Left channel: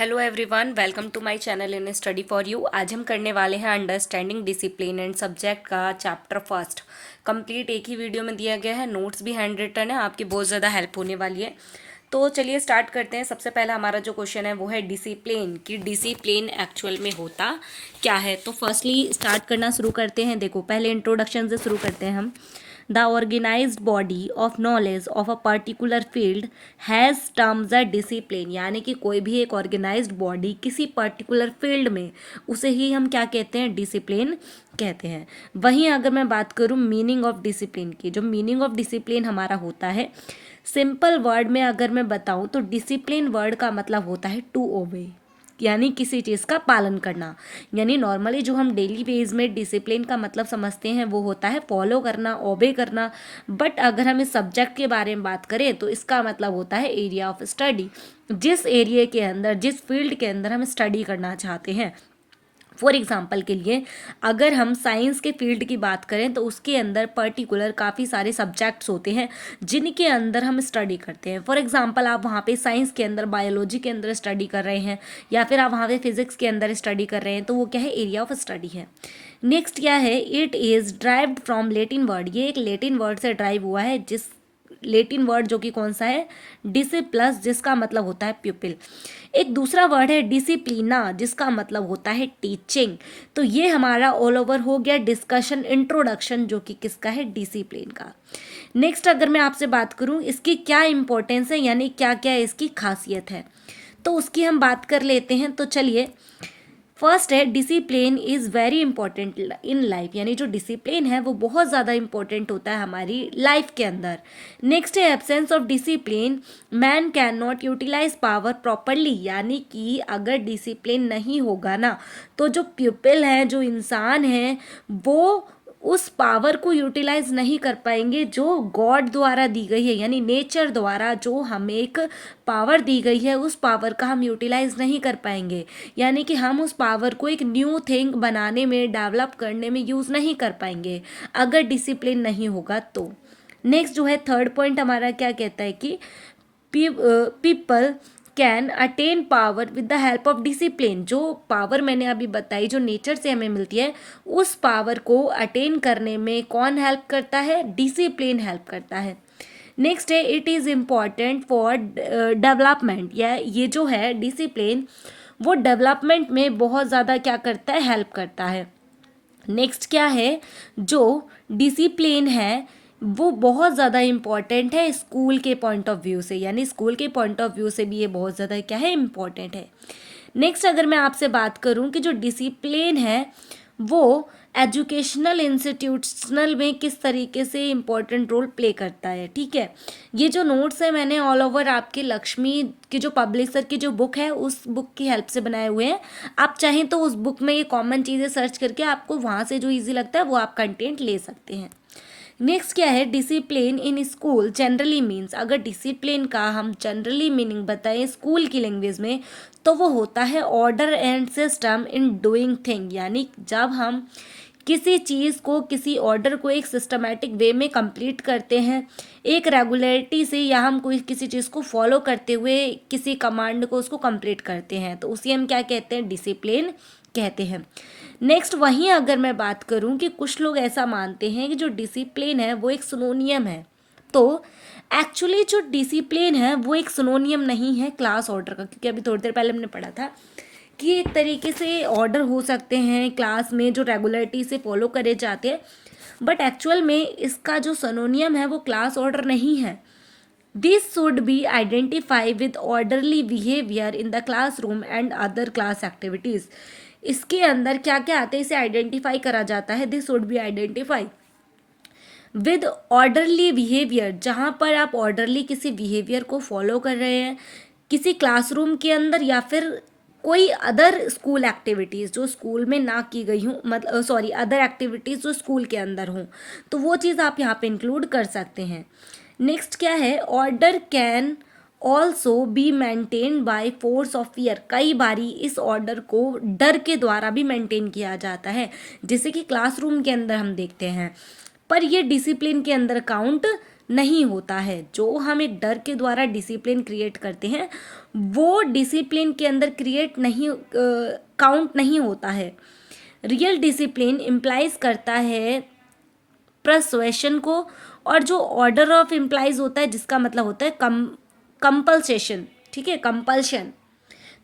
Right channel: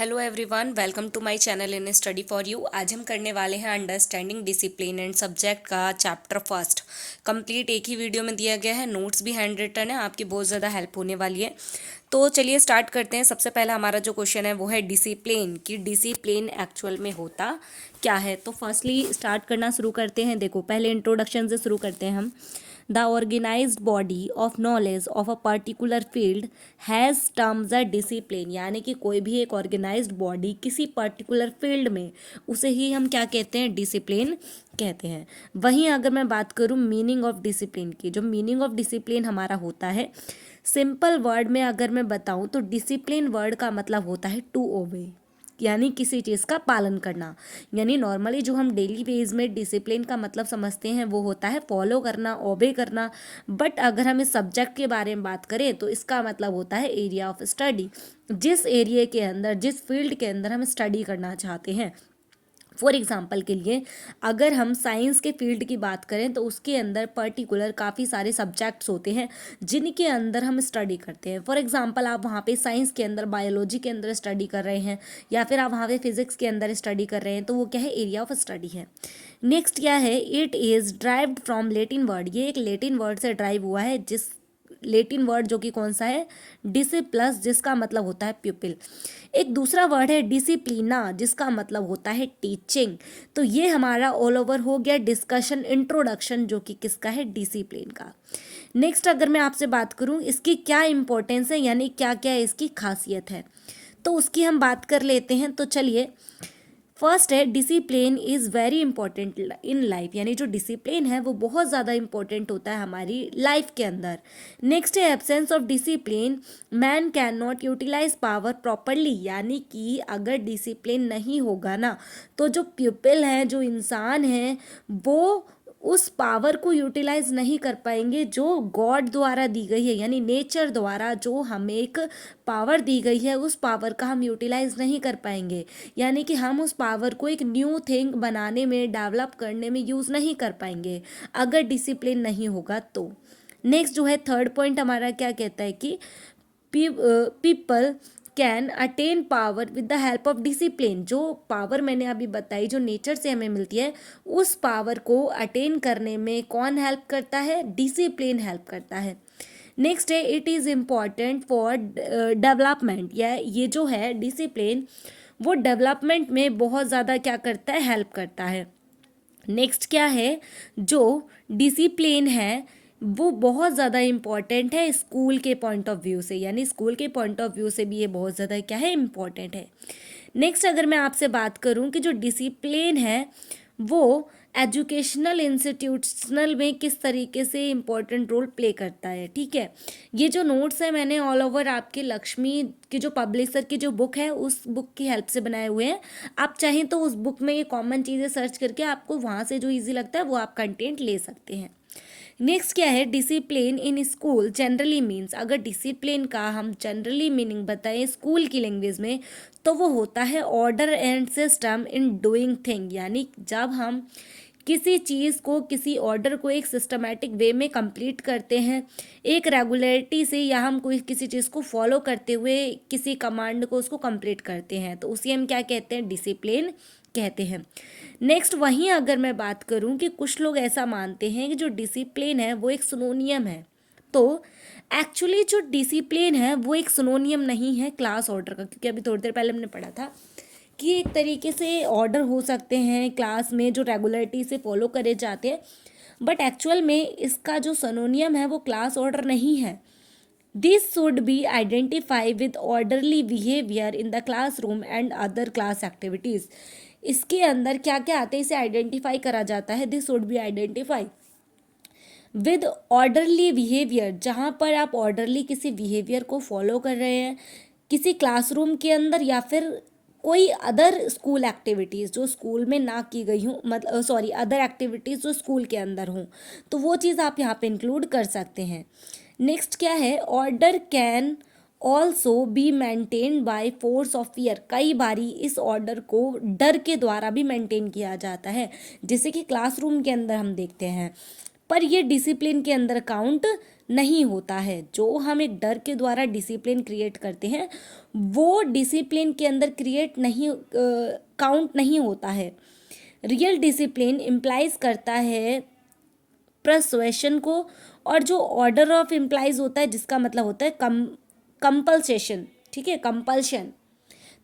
Hello everyone, welcome to my channel in study for you. आज हम करने वाले हैं अंडरस्टैंडिंग डिसिप्लिन एंड सब्जेक्ट का चैप्टर फर्स्ट। कंप्लीट एक ही वीडियो में दिया गया है, नोट्स भी हैंड रिटन है, आपकी बहुत ज़्यादा हेल्प होने वाली है। तो चलिए स्टार्ट करते हैं। सबसे पहला हमारा जो क्वेश्चन है वो है डिसिप्लिन, कि डिसिप्लिन एक्चुअल में होता क्या है। तो फर्स्टली स्टार्ट करना शुरू करते हैं। देखो, पहले इंट्रोडक्शन से शुरू करते हैं हम। The organized body of knowledge of a particular field has terms a discipline, यानी कि कोई भी एक ऑर्गेनाइज्ड बॉडी किसी पर्टिकुलर फील्ड में, उसे ही हम क्या कहते हैं, डिसिप्लिन कहते हैं। वहीं अगर मैं बात करूँ मीनिंग ऑफ डिसिप्लिन की, जो मीनिंग ऑफ डिसिप्लिन हमारा होता है, सिंपल वर्ड में अगर मैं बताऊँ तो डिसिप्लिन वर्ड का मतलब होता है टू ओबे, यानी किसी चीज़ का पालन करना। यानी नॉर्मली जो हम डेली बेस में डिसिप्लिन का मतलब समझते हैं वो होता है फॉलो करना, ओबे करना। बट अगर हम इस सब्जेक्ट के बारे में बात करें तो इसका मतलब होता है एरिया ऑफ स्टडी, जिस एरिया के अंदर, जिस फील्ड के अंदर हम स्टडी करना चाहते हैं। फॉर एग्जाम्पल के लिए अगर हम साइंस के फील्ड की बात करें तो उसके अंदर पर्टिकुलर काफ़ी सारे सब्जेक्ट्स होते हैं जिनके अंदर हम स्टडी करते हैं। फॉर एग्जाम्पल आप वहाँ पे साइंस के अंदर बायोलॉजी के अंदर स्टडी कर रहे हैं, या फिर आप वहाँ पे फिजिक्स के अंदर स्टडी कर रहे हैं, तो वो क्या है, एरिया ऑफ स्टडी है। नेक्स्ट क्या है, it is derived from Latin word, ये एक लेटिन वर्ड से ड्राइव हुआ है, जिस लेटिन वर्ड जो कि कौन सा है, डिसिप्लस, जिसका मतलब होता है प्यूपिल। एक दूसरा वर्ड है डिसिप्लिना, जिसका मतलब होता है टीचिंग। तो ये हमारा ऑल ओवर हो गया डिस्कशन, इंट्रोडक्शन, जो कि किसका है, डिसिप्लिन का। नेक्स्ट अगर मैं आपसे बात करूं इसकी क्या इंपॉर्टेंस है, यानी क्या क्या इसकी खासियत है, तो उसकी हम बात कर लेते हैं। तो चलिए, फर्स्ट है discipline is very important in life, यानी जो डिसिप्लिन है वो बहुत ज़्यादा इंपॉर्टेंट होता है हमारी लाइफ के अंदर। नेक्स्ट है absence of discipline man cannot utilise power properly, यानी कि अगर डिसिप्लिन नहीं होगा ना तो जो पीपल हैं, जो इंसान हैं, वो उस पावर को यूटिलाइज नहीं कर पाएंगे जो गॉड द्वारा दी गई है, यानी नेचर द्वारा जो हमें एक पावर दी गई है, उस पावर का हम यूटिलाइज नहीं कर पाएंगे। यानी कि हम उस पावर को एक न्यू थिंग बनाने में, डेवलप करने में यूज़ नहीं कर पाएंगे अगर डिसिप्लिन नहीं होगा तो। नेक्स्ट जो है थर्ड पॉइंट हमारा क्या कहता है कि people can attain power with the help of discipline. जो पावर मैंने अभी बताई, जो नेचर से हमें मिलती है, उस पावर को अटेन करने में कौन हेल्प करता है, डिसिप्लिन हेल्प करता है। नेक्स्ट है it is important for development, या ये जो है डिसिप्लिन वो डेवलपमेंट में बहुत ज़्यादा क्या करता है, हेल्प करता है। नेक्स्ट क्या है, जो डिसिप्लिन है वो बहुत ज़्यादा इम्पॉर्टेंट है स्कूल के पॉइंट ऑफ व्यू से, यानी स्कूल के पॉइंट ऑफ व्यू से भी ये बहुत ज़्यादा क्या है, इम्पॉर्टेंट है। नेक्स्ट अगर मैं आपसे बात करूं कि जो डिसिप्लिन है वो एजुकेशनल इंस्टीट्यूशनल में किस तरीके से इम्पोर्टेंट रोल प्ले करता है, ठीक है। ये जो नोट्स है मैंने ऑल ओवर आपके लक्ष्मी की जो पब्लिशर की जो बुक है उस बुक की हेल्प से बनाए हुए हैं। आप चाहें तो उस बुक में ये कॉमन चीज़ें सर्च करके आपको वहाँ से जो इजी लगता है वो आप कंटेंट ले सकते हैं। नेक्स्ट क्या है, discipline in school generally means, अगर डिसिप्लिन का हम जनरली मीनिंग बताएं स्कूल की लैंग्वेज में तो वो होता है order and system in doing thing, यानी जब हम किसी चीज़ को, किसी ऑर्डर को एक सिस्टमेटिक वे में कंप्लीट करते हैं, एक रेगुलरिटी से, या हम कोई किसी चीज़ को फॉलो करते हुए किसी कमांड को उसको कंप्लीट करते हैं, तो उसी हम क्या कहते हैं, डिसिप्लिन कहते हैं। नेक्स्ट वहीं अगर मैं बात करूं कि कुछ लोग ऐसा मानते हैं कि जो डिसिप्लिन है वो एक सिनोनियम है, तो एक्चुअली जो डिसिप्लिन है वो एक सिनोनियम नहीं है क्लास ऑर्डर का, क्योंकि अभी थोड़ी देर पहले हमने पढ़ा था कि एक तरीके से ऑर्डर हो सकते हैं क्लास में जो रेगुलरिटी से फॉलो करे जाते हैं, बट एक्चुअल में इसका जो सिनोनियम है वो क्लास ऑर्डर नहीं है। This should be identify with orderly behaviour in the classroom and other class activities. इसके अंदर क्या क्या आते हैं, इसे आइडेंटिफाई करा जाता है, this should be identify with orderly behaviour, जहाँ पर आप ऑर्डरली किसी बिहेवियर को फॉलो कर रहे हैं किसी क्लासरूम के अंदर, या फिर कोई अदर स्कूल एक्टिविटीज़ जो स्कूल में ना की गई हूँ, मतलब सॉरी अदर एक्टिविटीज़ जो स्कूल के अंदर हों, तो वो चीज़ आप यहाँ पे इंक्लूड कर सकते हैं। नेक्स्ट क्या है, order can also be maintain by force of fear, कई बारी इस ऑर्डर को डर के द्वारा भी मेंटेन किया जाता है, जैसे कि क्लासरूम के अंदर हम देखते हैं, पर ये डिसिप्लिन के अंदर काउंट नहीं होता है। जो हम एक डर के द्वारा डिसिप्लिन क्रिएट करते हैं वो डिसिप्लिन के अंदर क्रिएट नहीं काउंट नहीं होता है। रियल डिसिप्लिन इम्प्लाइज करता है प्रसुएशन को, और जो ऑर्डर ऑफ इम्प्लाइज होता है जिसका मतलब होता है कंपल्सेशन, ठीक है, कंपल्शन।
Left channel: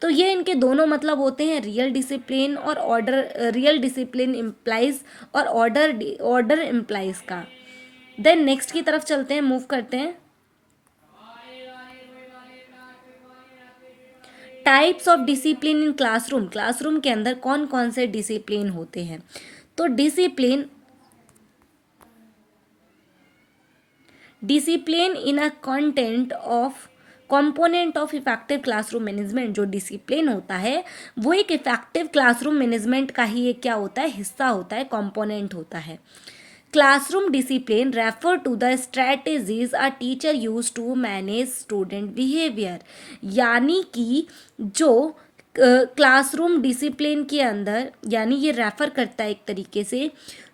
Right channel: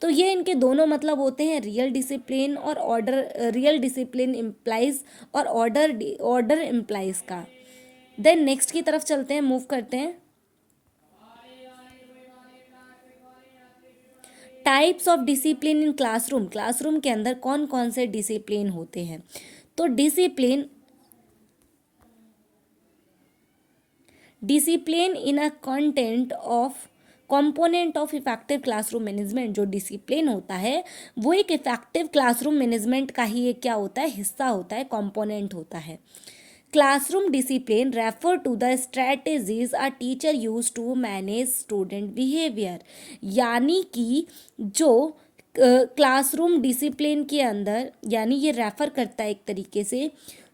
तो ये इनके दोनों मतलब होते हैं, रियल डिसिप्लिन और ऑर्डर, रियल डिसिप्लिन इम्प्लाइज और ऑर्डर इम्प्लाइज का। देन नेक्स्ट की तरफ चलते हैं, मूव करते हैं। Types of discipline in classroom, classroom के अंदर कौन कौन से डिसिप्लिन होते हैं। तो discipline in a content of component of effective classroom management, जो डिसिप्लिन होता है वो एक इफेक्टिव क्लासरूम मैनेजमेंट का ही एक क्या होता है, हिस्सा होता है, कंपोनेंट होता है। Classroom discipline refer to the strategies a teacher use to manage student behaviour, यानी कि जो क्लासरूम डिसिप्लिन के अंदर, यानी ये रेफर करता है एक तरीके से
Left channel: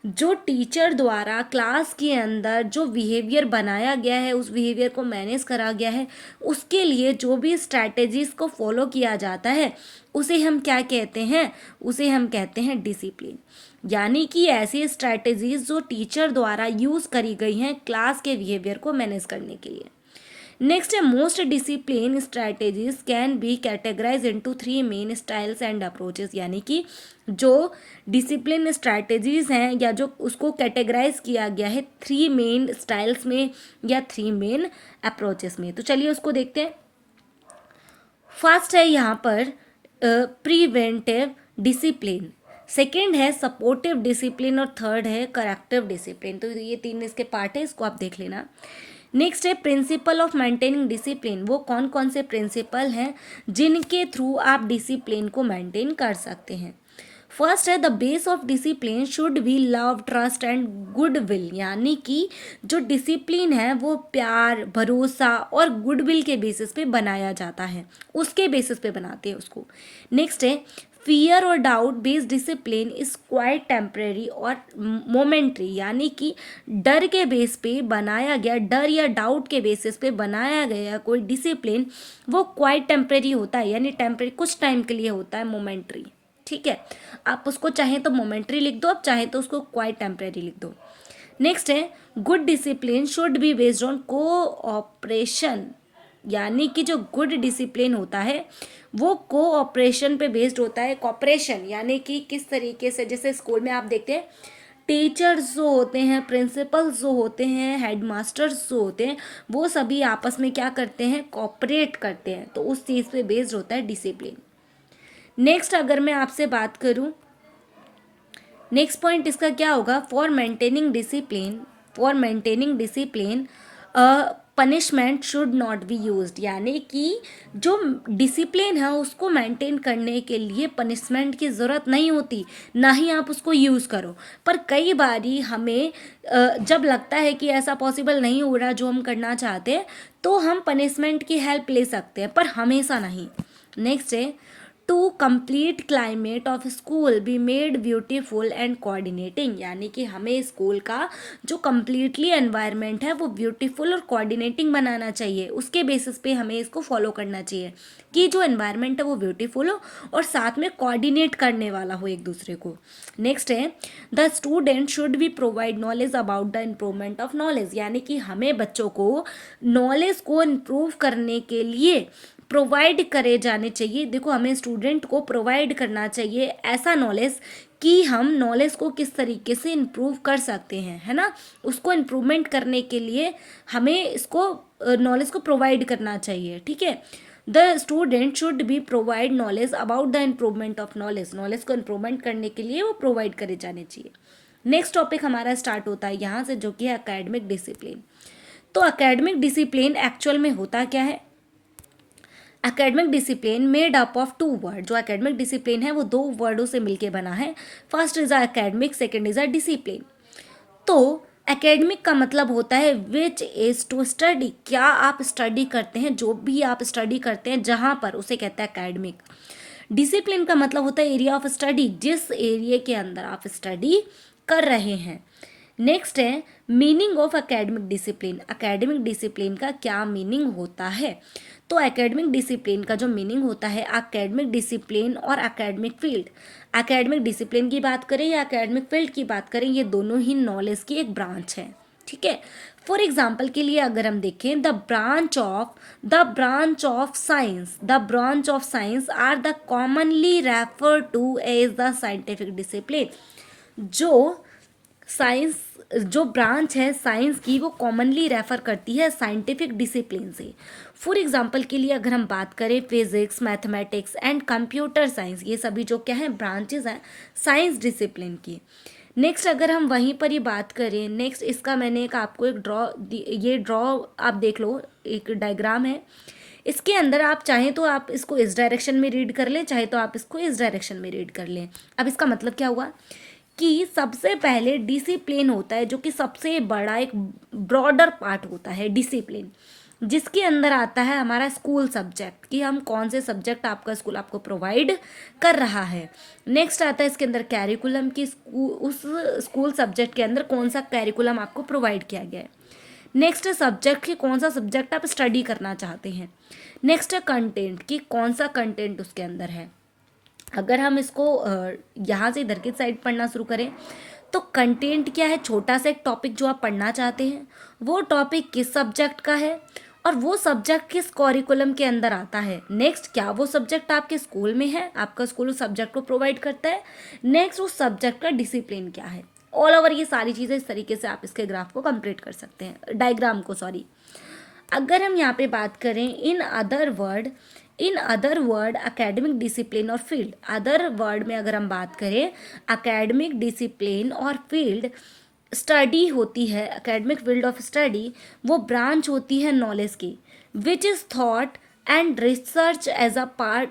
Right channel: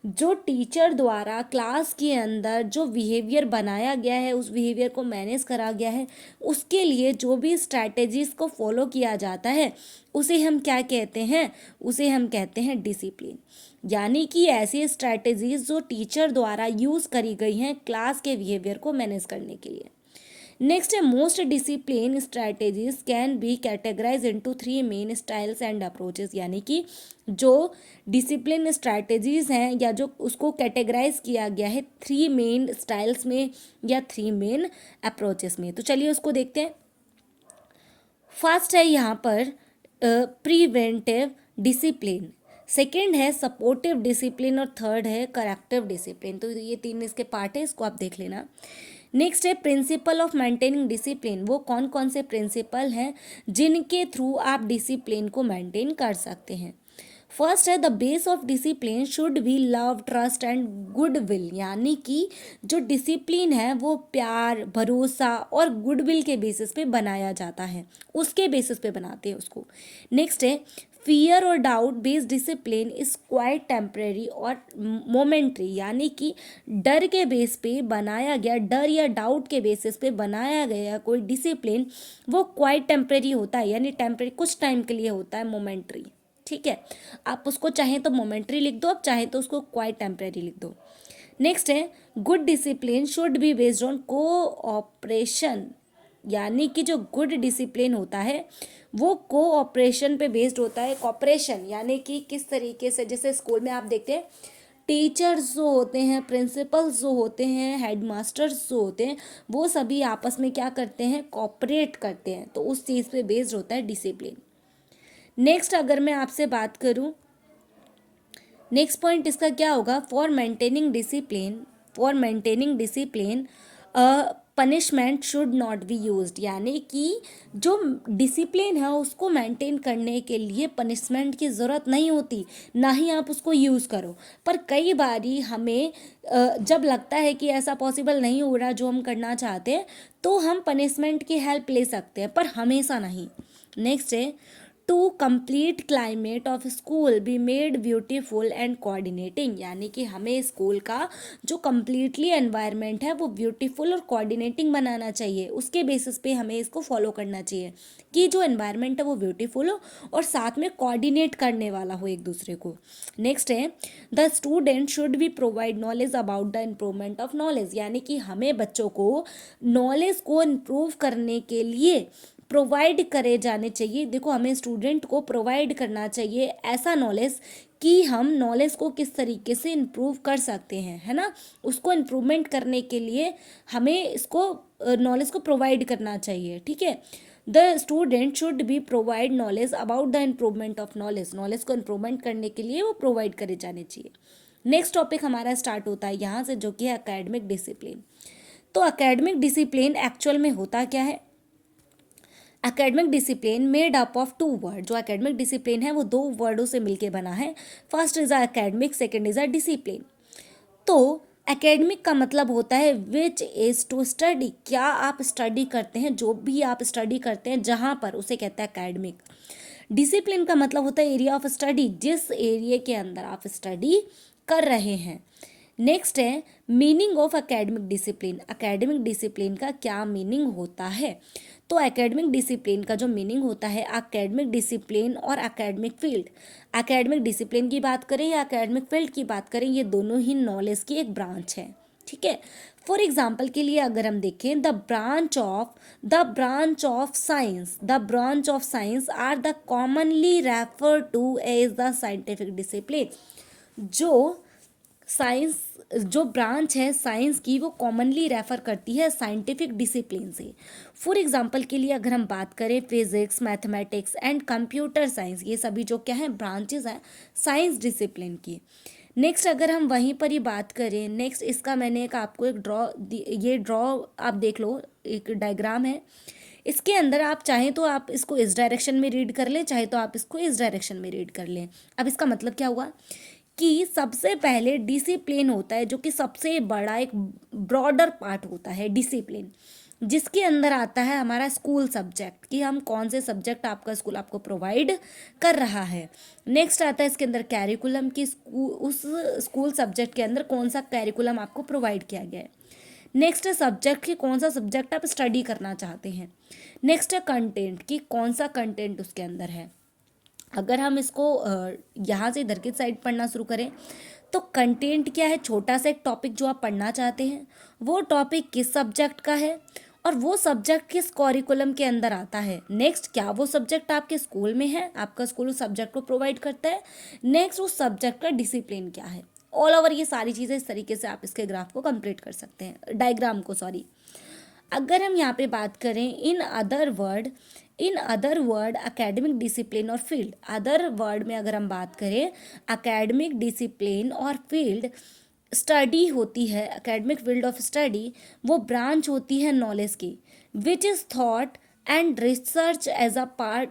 जो टीचर द्वारा क्लास के अंदर जो बिहेवियर बनाया गया है, उस बिहेवियर को मैनेज करा गया है, उसके लिए जो भी स्ट्रैटेजीज को फॉलो किया जाता है उसे हम क्या कहते हैं, उसे हम कहते हैं डिसिप्लिन। यानी कि ऐसी स्ट्रैटेजीज जो टीचर द्वारा यूज करी गई हैं क्लास के बिहेवियर को मैनेज करने के लिए। नेक्स्ट है, most discipline strategies can be categorise into 3 main styles and approaches, यानी कि जो डिसिप्लिन स्ट्रैटेजीज हैं या जो उसको कैटेगराइज किया गया है 3 मेन स्टाइल्स में या 3 मेन अप्रोचेस में। तो चलिए उसको देखते हैं। फर्स्ट है यहाँ पर प्रिवेंटिव डिसिप्लिन, सेकेंड है सपोर्टिव डिसिप्लिन और थर्ड है करेक्टिव डिसिप्लिन। तो ये 3 इसके पार्ट है, इसको आप देख लेना। नेक्स्ट है प्रिंसिपल ऑफ मेंटेनिंग डिसिप्लिन, वो कौन कौन से प्रिंसिपल हैं जिनके थ्रू आप डिसिप्लिन को मेंटेन कर सकते हैं। फर्स्ट है the base of discipline should be love, trust and goodwill, यानी कि जो डिसिप्लिन है वो प्यार, भरोसा और गुडविल के बेसिस पे बनाया जाता है, उसके बेसिस पे बनाते हैं उसको। नेक्स्ट है फियर और doubt based discipline is quite temporary और मोमेंट्री, यानी कि डर के बेस पे बनाया गया, डर या डाउट के बेसिस पे बनाया गया कोई डिसिप्लिन वो क्वाइट टेम्परेरी होता है, यानी टेम्परेरी कुछ टाइम के लिए होता है, मोमेंट्री। ठीक है, आप उसको चाहें तो मोमेंट्री लिख दो, आप चाहें तो उसको क्वाइट टेम्परेरी लिख दो। नेक्स्ट है good discipline should be based on cooperation, यानी कि जो गुड डिसिप्लिन होता है वो कोऑपरेशन पे बेस्ड होता है। कॉपरेशन यानी कि किस तरीके से, जैसे स्कूल में आप देखते हैं टीचर्स जो होते हैं, प्रिंसिपल्स जो होते हैं, हेडमास्टर्स जो होते हैं, वो सभी आपस में क्या करते हैं, कॉपरेट करते हैं, तो उस चीज़ पे बेस्ड होता है डिसिप्लिन। नेक्स्ट अगर मैं आपसे बात करूं, नेक्स्ट पॉइंट इसका क्या होगा, for maintaining discipline punishment should not be used, यानी कि जो डिसिप्लिन है उसको मेंटेन करने के लिए पनिशमेंट की ज़रूरत नहीं होती, ना ही आप उसको यूज़ करो। पर कई बारी हमें जब लगता है कि ऐसा पॉसिबल नहीं हो रहा जो हम करना चाहते हैं, तो हम पनिशमेंट की हेल्प ले सकते हैं, पर हमेशा नहीं। नेक्स्ट है to complete climate of school be made beautiful and coordinating, यानी कि हमें स्कूल का जो कम्प्लीटली एनवायरनमेंट है वो ब्यूटीफुल और कोऑर्डिनेटिंग बनाना चाहिए, उसके बेसिस पे हमें इसको फॉलो करना चाहिए कि जो एनवायरनमेंट है वो ब्यूटीफुल हो और साथ में कोऑर्डिनेट करने वाला हो एक दूसरे को। नेक्स्ट है the student should be provide knowledge about the improvement of knowledge, यानी कि हमें बच्चों को नॉलेज को इम्प्रूव करने के लिए प्रोवाइड करे जाने चाहिए। देखो हमें स्टूडेंट को प्रोवाइड करना चाहिए ऐसा नॉलेज कि हम नॉलेज को किस तरीके से इम्प्रूव कर सकते हैं, है ना, उसको इम्प्रूवमेंट करने के लिए हमें इसको नॉलेज को प्रोवाइड करना चाहिए। ठीक है, the student should be provide knowledge about the improvement of knowledge, knowledge को इम्प्रूवमेंट करने के लिए वो प्रोवाइड करे जाने चाहिए। नेक्स्ट टॉपिक हमारा स्टार्ट होता है यहाँ से, जो कि है एकेडमिक डिसिप्लिन। तो एकेडमिक डिसिप्लिन एक्चुअल में होता क्या है, academic discipline made up of 2 word, जो एकेडमिक डिसिप्लिन है वो 2 वर्डों से मिलके बना है। First is a academic, second is a discipline. तो एकेडमिक का मतलब होता है विच इज टू स्टडी, क्या आप स्टडी करते हैं, जो भी आप स्टडी करते हैं जहाँ पर, उसे कहता है एकेडमिक। डिसिप्लिन का मतलब होता है एरिया ऑफ स्टडी, जिस एरिया के अंदर आप स्टडी कर रहे हैं। नेक्स्ट है meaning of academic discipline, academic discipline का क्या मीनिंग होता है। तो एकेडमिक डिसिप्लिन का जो मीनिंग होता है एकेडमिक डिसिप्लिन और एकेडमिक फील्ड, एकेडमिक डिसिप्लिन की बात करें या एकेडमिक फील्ड की बात करें, ये दोनों ही नॉलेज की एक ब्रांच है, ठीक है। फॉर एग्जाम्पल के लिए अगर हम देखें, the branch of science are the commonly refer to as the scientific discipline. जो ब्रांच है साइंस की वो कॉमनली रेफर करती है साइंटिफिक डिसिप्लिन से। फॉर एग्जाम्पल के लिए अगर हम बात करें, physics, mathematics and computer science, ये सभी जो क्या है ब्रांचेस हैं साइंस डिसिप्लिन की। नेक्स्ट अगर हम वहीं पर ही बात करें, नेक्स्ट इसका मैंने एक आपको एक ड्रॉ आप देख लो, एक डायग्राम है। इसके अंदर आप चाहें तो आप इसको इस डायरेक्शन में रीड कर लें, चाहे तो आप इसको इस डायरेक्शन में रीड कर लें। अब इसका मतलब क्या हुआ कि सबसे पहले डिसिप्लिन होता है जो कि सबसे बड़ा एक ब्रॉडर पार्ट होता है डिसिप्लिन, जिसके अंदर आता है हमारा स्कूल सब्जेक्ट कि हम कौन से सब्जेक्ट आपका स्कूल आपको प्रोवाइड कर रहा है। नेक्स्ट आता है इसके अंदर कैरिकुलम की, उस स्कूल सब्जेक्ट के अंदर कौन सा कैरिकुलम आपको प्रोवाइड किया गया है। नेक्स्ट है सब्जेक्ट की, कौन सा सब्जेक्ट आप स्टडी करना चाहते हैं। नेक्स्ट है कंटेंट की, कौन सा कंटेंट उसके अंदर है। अगर हम इसको यहाँ से इधर की साइड पढ़ना शुरू करें तो कंटेंट क्या है, छोटा सा एक टॉपिक जो आप पढ़ना चाहते हैं, वो टॉपिक किस सब्जेक्ट का है और वो सब्जेक्ट किस करिकुलम के अंदर आता है। नेक्स्ट, क्या वो सब्जेक्ट आपके स्कूल में है, आपका स्कूल उस सब्जेक्ट को प्रोवाइड करता है। नेक्स्ट, उस सब्जेक्ट का डिसिप्लिन क्या है। ऑल ओवर ये सारी चीज़ें इस तरीके से आप इसके ग्राफ को कंप्लीट कर सकते हैं, डायग्राम को, सॉरी। अगर हम यहाँ पे बात करें in other word academic discipline और फील्ड, अदर वर्ड में अगर हम बात करें एकेडमिक डिसिप्लिन और फील्ड स्टडी होती है, एकेडमिक फील्ड ऑफ स्टडी वो ब्रांच होती है नॉलेज की, which is thought and research as a part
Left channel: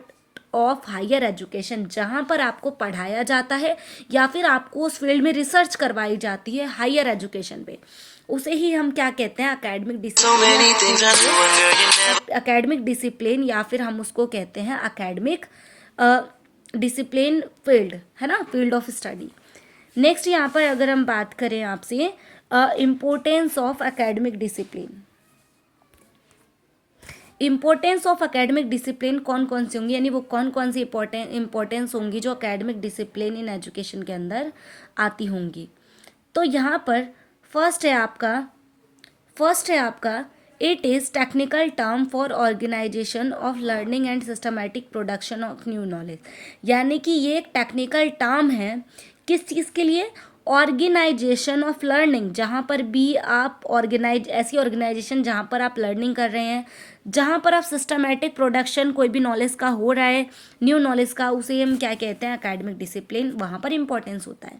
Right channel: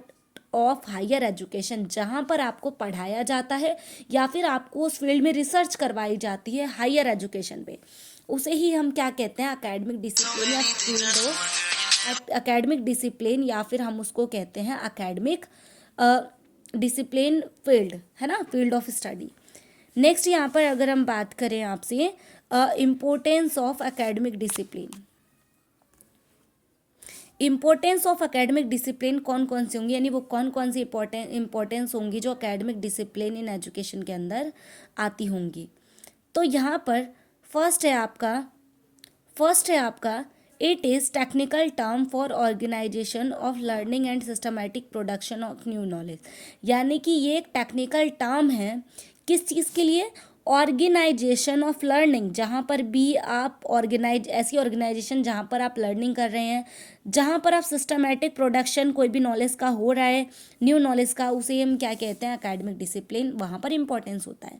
of higher education, जहाँ पर आपको पढ़ाया जाता है या फिर आपको उस फील्ड में रिसर्च करवाई जाती है हायर एजुकेशन पे, उसे ही हम क्या कहते हैं एकेडमिक डिसिप्लिन या फिर हम उसको कहते हैं एकेडमिक डिसिप्लिन फील्ड, है ना, फील्ड ऑफ स्टडी। नेक्स्ट यहाँ पर अगर हम बात करें आपसे importance of academic discipline, importance of academic discipline कौन कौन सी होंगी, यानी वो कौन कौन सी इम्पोर्टेंस होंगी जो एकेडमिक डिसिप्लिन इन एजुकेशन के अंदर आती होंगी। तो यहाँ पर फर्स्ट है आपका it is technical term for organisation of learning and systematic production of new knowledge, यानी कि ये एक टेक्निकल टर्म है किस चीज़ के लिए, ऑर्गेनाइजेशन ऑफ लर्निंग, जहाँ पर भी आप ऐसी ऑर्गेनाइजेशन जहाँ पर आप लर्निंग कर रहे हैं, जहाँ पर आप सिस्टमैटिक प्रोडक्शन कोई भी नॉलेज का हो रहा है, न्यू नॉलेज का, उसे हम क्या कहते हैं एकेडमिक डिसिप्लिन, वहाँ पर इंपॉर्टेंस होता है।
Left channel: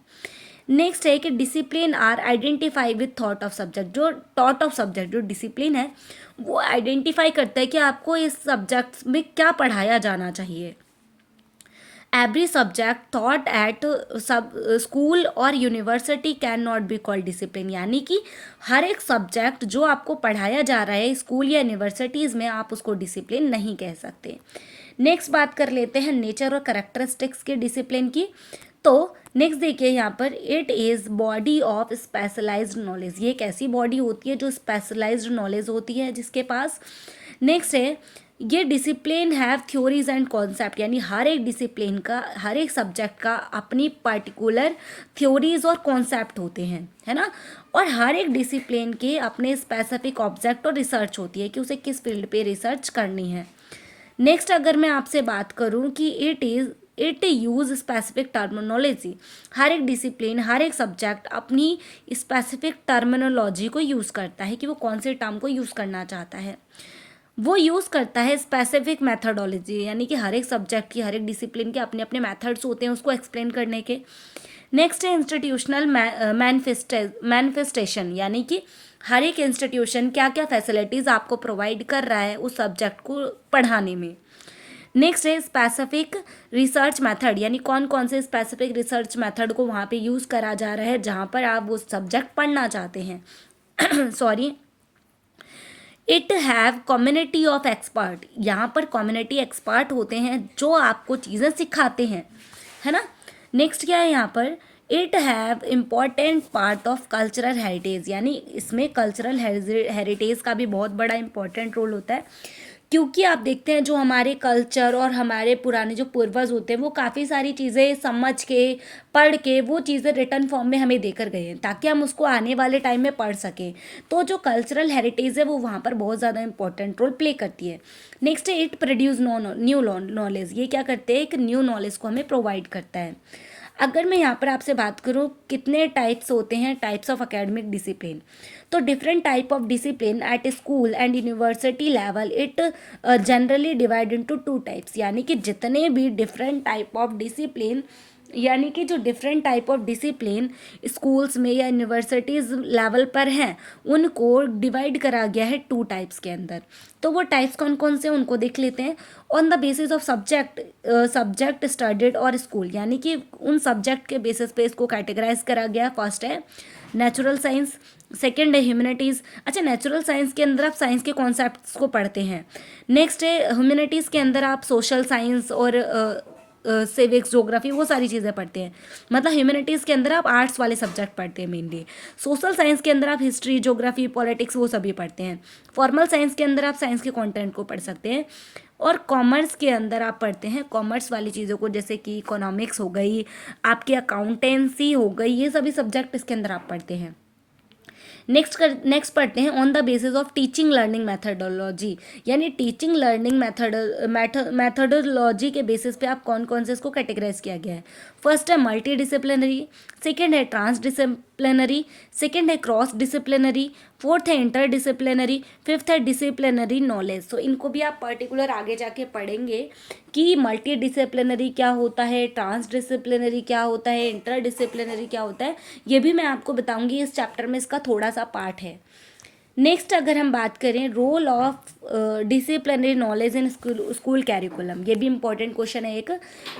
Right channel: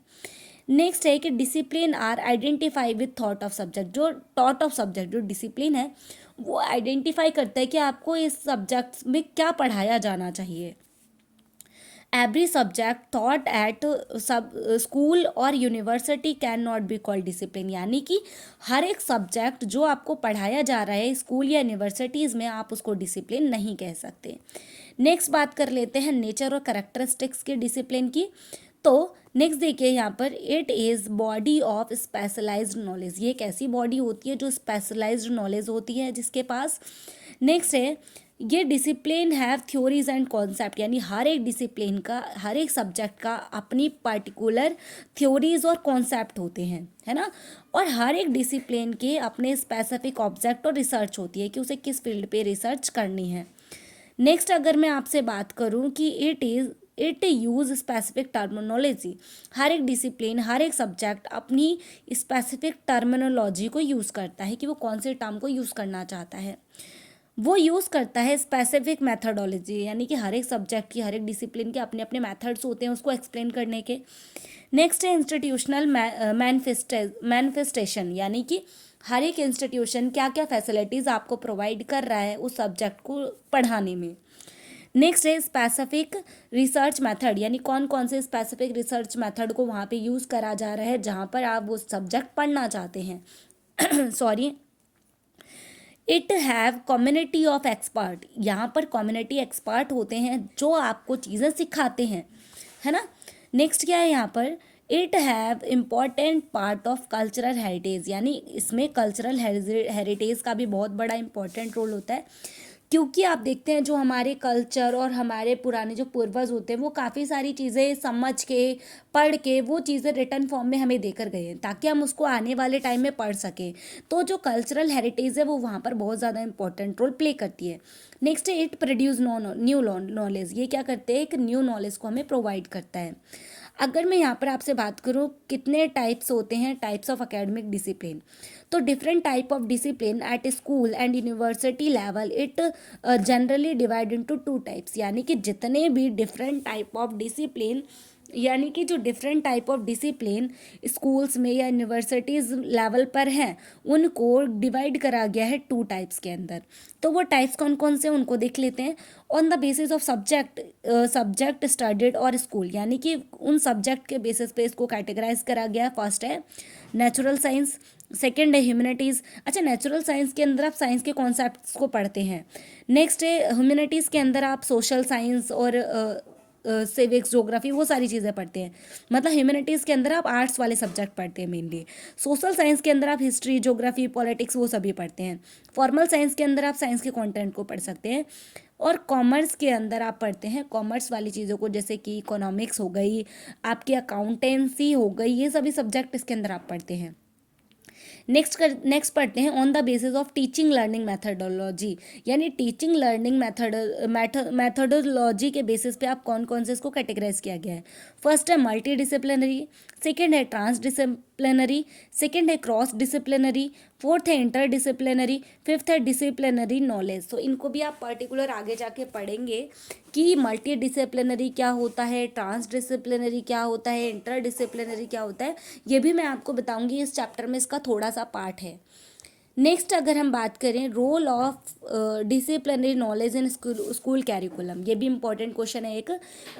नेक्स्ट है कि discipline are identify with thought of subject, जो डिसिप्लिन है वो आइडेंटिफाई करता है कि आपको इस सब्जेक्ट में क्या पढ़ाया जाना चाहिए। Every subject thought at school और university can not be called discipline, यानी कि हर एक सब्जेक्ट जो आपको पढ़ाया जा रहा है स्कूल या यूनिवर्सिटीज़ में, आप उसको डिसिप्लिन नहीं कह सकते। नेक्स्ट बात कर लेते हैं नेचर और करेक्टरिस्टिक्स की डिसिप्लिन की। तो नेक्स्ट देखिए यहाँ पर, it is body of specialised knowledge, ये एक ऐसी बॉडी होती है जो स्पेशलाइज्ड नॉलेज होती है जिसके पास। नेक्स्ट है ये discipline have theories and concept, यानी हर एक डिसिप्लिन का, हर एक सब्जेक्ट का अपनी पर्टिकुलर थ्योरीज और कॉन्सेप्ट होते हैं, है ना, और हर एक डिसिप्लिन के अपने स्पेसिफिक ऑब्जेक्ट और रिसर्च होती है कि उसे किस फील्ड पे रिसर्च करनी है। नेक्स्ट अगर मैं आपसे बात करूँ कि इट यूज स्पेसिफिक टर्मिनोलॉजी, हर एक डिसिप्लिन, हर एक सब्जेक्ट अपनी स्पेसिफिक टर्मिनोलॉजी को यूज़ करता है कि वो कौन से टर्म को यूज़ करना चाहता है। वो यूज़ करता है स्पेसिफिक मेथडोलॉजी, यानी कि हर एक सब्जेक्ट की, हर एक डिसिप्लिन के अपने अपने मेथड्स होते हैं उसको एक्सप्लेन करने के। नेक्स्ट है इंस्टीट्यूशनल मैनिफेस्टेशन, यानी कि हर एक इंस्टीट्यूशन क्या क्या फैसिलिटीज़ आपको प्रोवाइड कर रहा है उस सब्जेक्ट को पढ़ाने में। नेक्स्ट है स्पेसिफिक रिसर्च मेथड, यानी कौन कौन से स्पेसिफिक रिसर्च मेथड को वहाँ पे यूज़ करा जा रहा है जहाँ पर आप वो सब्जेक्ट पढ़ना चाहते हैं sorry. It have community of expert, यहाँ पर कम्युनिटी एक्सपर्ट होते हैं जो आपको चीज़ें सिखाते हैं, है ना। नेक्स्ट क्या है यहाँ पर, it have important part of cultural heritage, यानी इसमें कल्चरल हेरिटेज का भी बहुत बड़ा इंपॉर्टेंट रोल होता है क्योंकि आप देखते हैं जो हमारे कल्चर और हमारे पुराने जो पूर्वज होते हैं वो काफ़ी सारी चीज़ें समझ के पढ़ के वो चीज़ें रिटर्न फॉर्म में हमें देकर गए हैं ताकि हम उसको आने वाले टाइम में पढ़ सकें। तो जो कल्चरल हेरिटेज है वो वहाँ पर बहुत ज़्यादा इंपॉर्टेंट रोल प्ले करती है। नेक्स्ट है इट प्रोड्यूस न्यू नॉलेज। ये क्या करते हैं, एक न्यू नॉलेज को हमें प्रोवाइड करता है। अगर मैं यहाँ पर आपसे बात करूँ कितने टाइप्स होते हैं, टाइप्स ऑफ एकेडमिक डिसिप्लिन, तो different type of discipline at school and university level it generally divide into two types. यानी कि जितने भी डिफरेंट टाइप ऑफ डिसिप्लिन, यानी कि जो different type of discipline schools में या यूनिवर्सिटीज़ लेवल पर हैं उनको डिवाइड करा गया है टू टाइप्स के अंदर। तो वो टाइप्स कौन कौन से उनको देख लेते हैं। On the basis of subject studied और स्कूल, यानी कि उन सब्जेक्ट के बेसिस पे इसको कैटेगराइज करा गया। फर्स्ट है नेचुरल साइंस, सेकेंड है ह्यूमैनिटीज़। अच्छा, नेचुरल साइंस के अंदर आप साइंस के कॉन्सेप्ट्स को पढ़ते हैं। नेक्स्ट है ह्यूमैनिटीज़ के अंदर आप सोशल साइंस और सिविक्स, ज्योग्राफी, वो सारी चीज़ें पढ़ते हैं। मतलब ह्यूमैनिटीज़ के अंदर आप आर्ट्स वाले सब्जेक्ट पढ़ते हैं मेनली। सोशल साइंस के अंदर आप हिस्ट्री, ज्योग्राफी, पॉलिटिक्स वो सभी पढ़ते हैं। फॉर्मल साइंस के अंदर आप साइंस के कंटेंट को पढ़ सकते हैं। और कॉमर्स के अंदर आप पढ़ते हैं कॉमर्स वाली चीज़ों को, जैसे कि इकोनॉमिक्स हो गई, आपकी अकाउंटेंसी हो गई, ये सभी सब्जेक्ट इसके अंदर आप पढ़ते हैं। नेक्स्ट पढ़ते हैं on the basis of teaching learning methodology. यानी टीचिंग लर्निंग मैथडोलॉजी के बेसिस पे आप कौन कौन से इसको कैटेगराइज किया गया है। फर्स्ट है मल्टी डिसिप्लिनरी, सेकेंड है ट्रांस डिसिप्लिनरी, सेकेंड है क्रॉस डिसिप्लिनरी, फोर्थ है इंटर डिसिप्लिनरी, फिफ्थ है डिसिप्लिनरी नॉलेज। तो इनको भी आप पर्टिकुलर आगे जाके पढ़ेंगे कि मल्टी डिसिप्लिनरी क्या होता है, ट्रांस डिसिप्लिनरी क्या होता है, इंटर डिसिप्लिनरी क्या होता है, ये भी मैं आपको बताऊंगी। इस चैप्टर में इसका थोड़ा सा पार्ट है। नेक्स्ट अगर हम बात करें role of disciplinary knowledge in school curriculum, ये भी इंपॉर्टेंट क्वेश्चन है एक,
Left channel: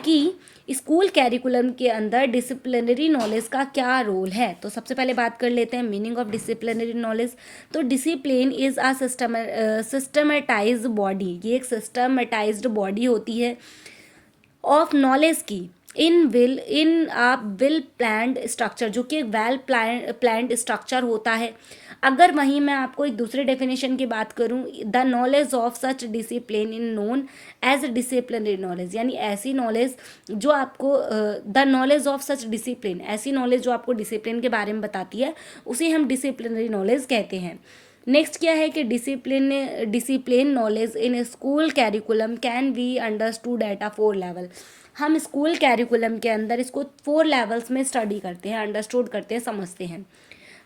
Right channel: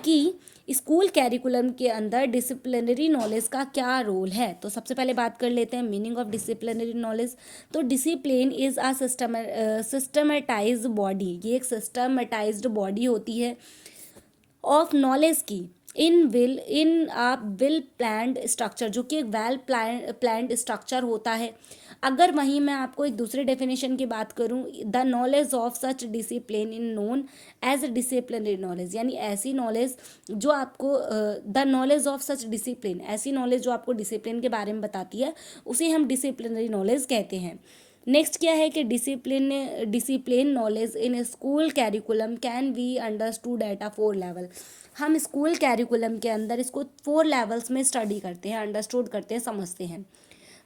कि स्कूल कैरिकुलम के अंदर डिसिप्लिनरी नॉलेज का क्या रोल है। तो सबसे पहले बात कर लेते हैं मीनिंग ऑफ डिसिप्लिनरी नॉलेज। तो discipline is a systematised body, ये एक सिस्टमेटाइज्ड बॉडी होती है ऑफ नॉलेज की इन आ वेल प्लान्ड स्ट्रक्चर, जो कि एक वेल प्लान्ड स्ट्रक्चर होता है। अगर वहीं मैं आपको एक दूसरे डेफिनेशन की बात करूं, the knowledge of such discipline in known as disciplinary knowledge, यानी ऐसी नॉलेज जो आपको the knowledge of such discipline, ऐसी नॉलेज जो आपको डिसिप्लिन के बारे में बताती है, उसे हम डिसिप्लिनरी नॉलेज कहते हैं। नेक्स्ट क्या है कि discipline knowledge in school curriculum can be understood at a 4 level. हम स्कूल कैरिकुलम के अंदर इसको 4 लेवल्स में स्टडी करते हैं, अंडरस्टूड करते हैं, समझते हैं।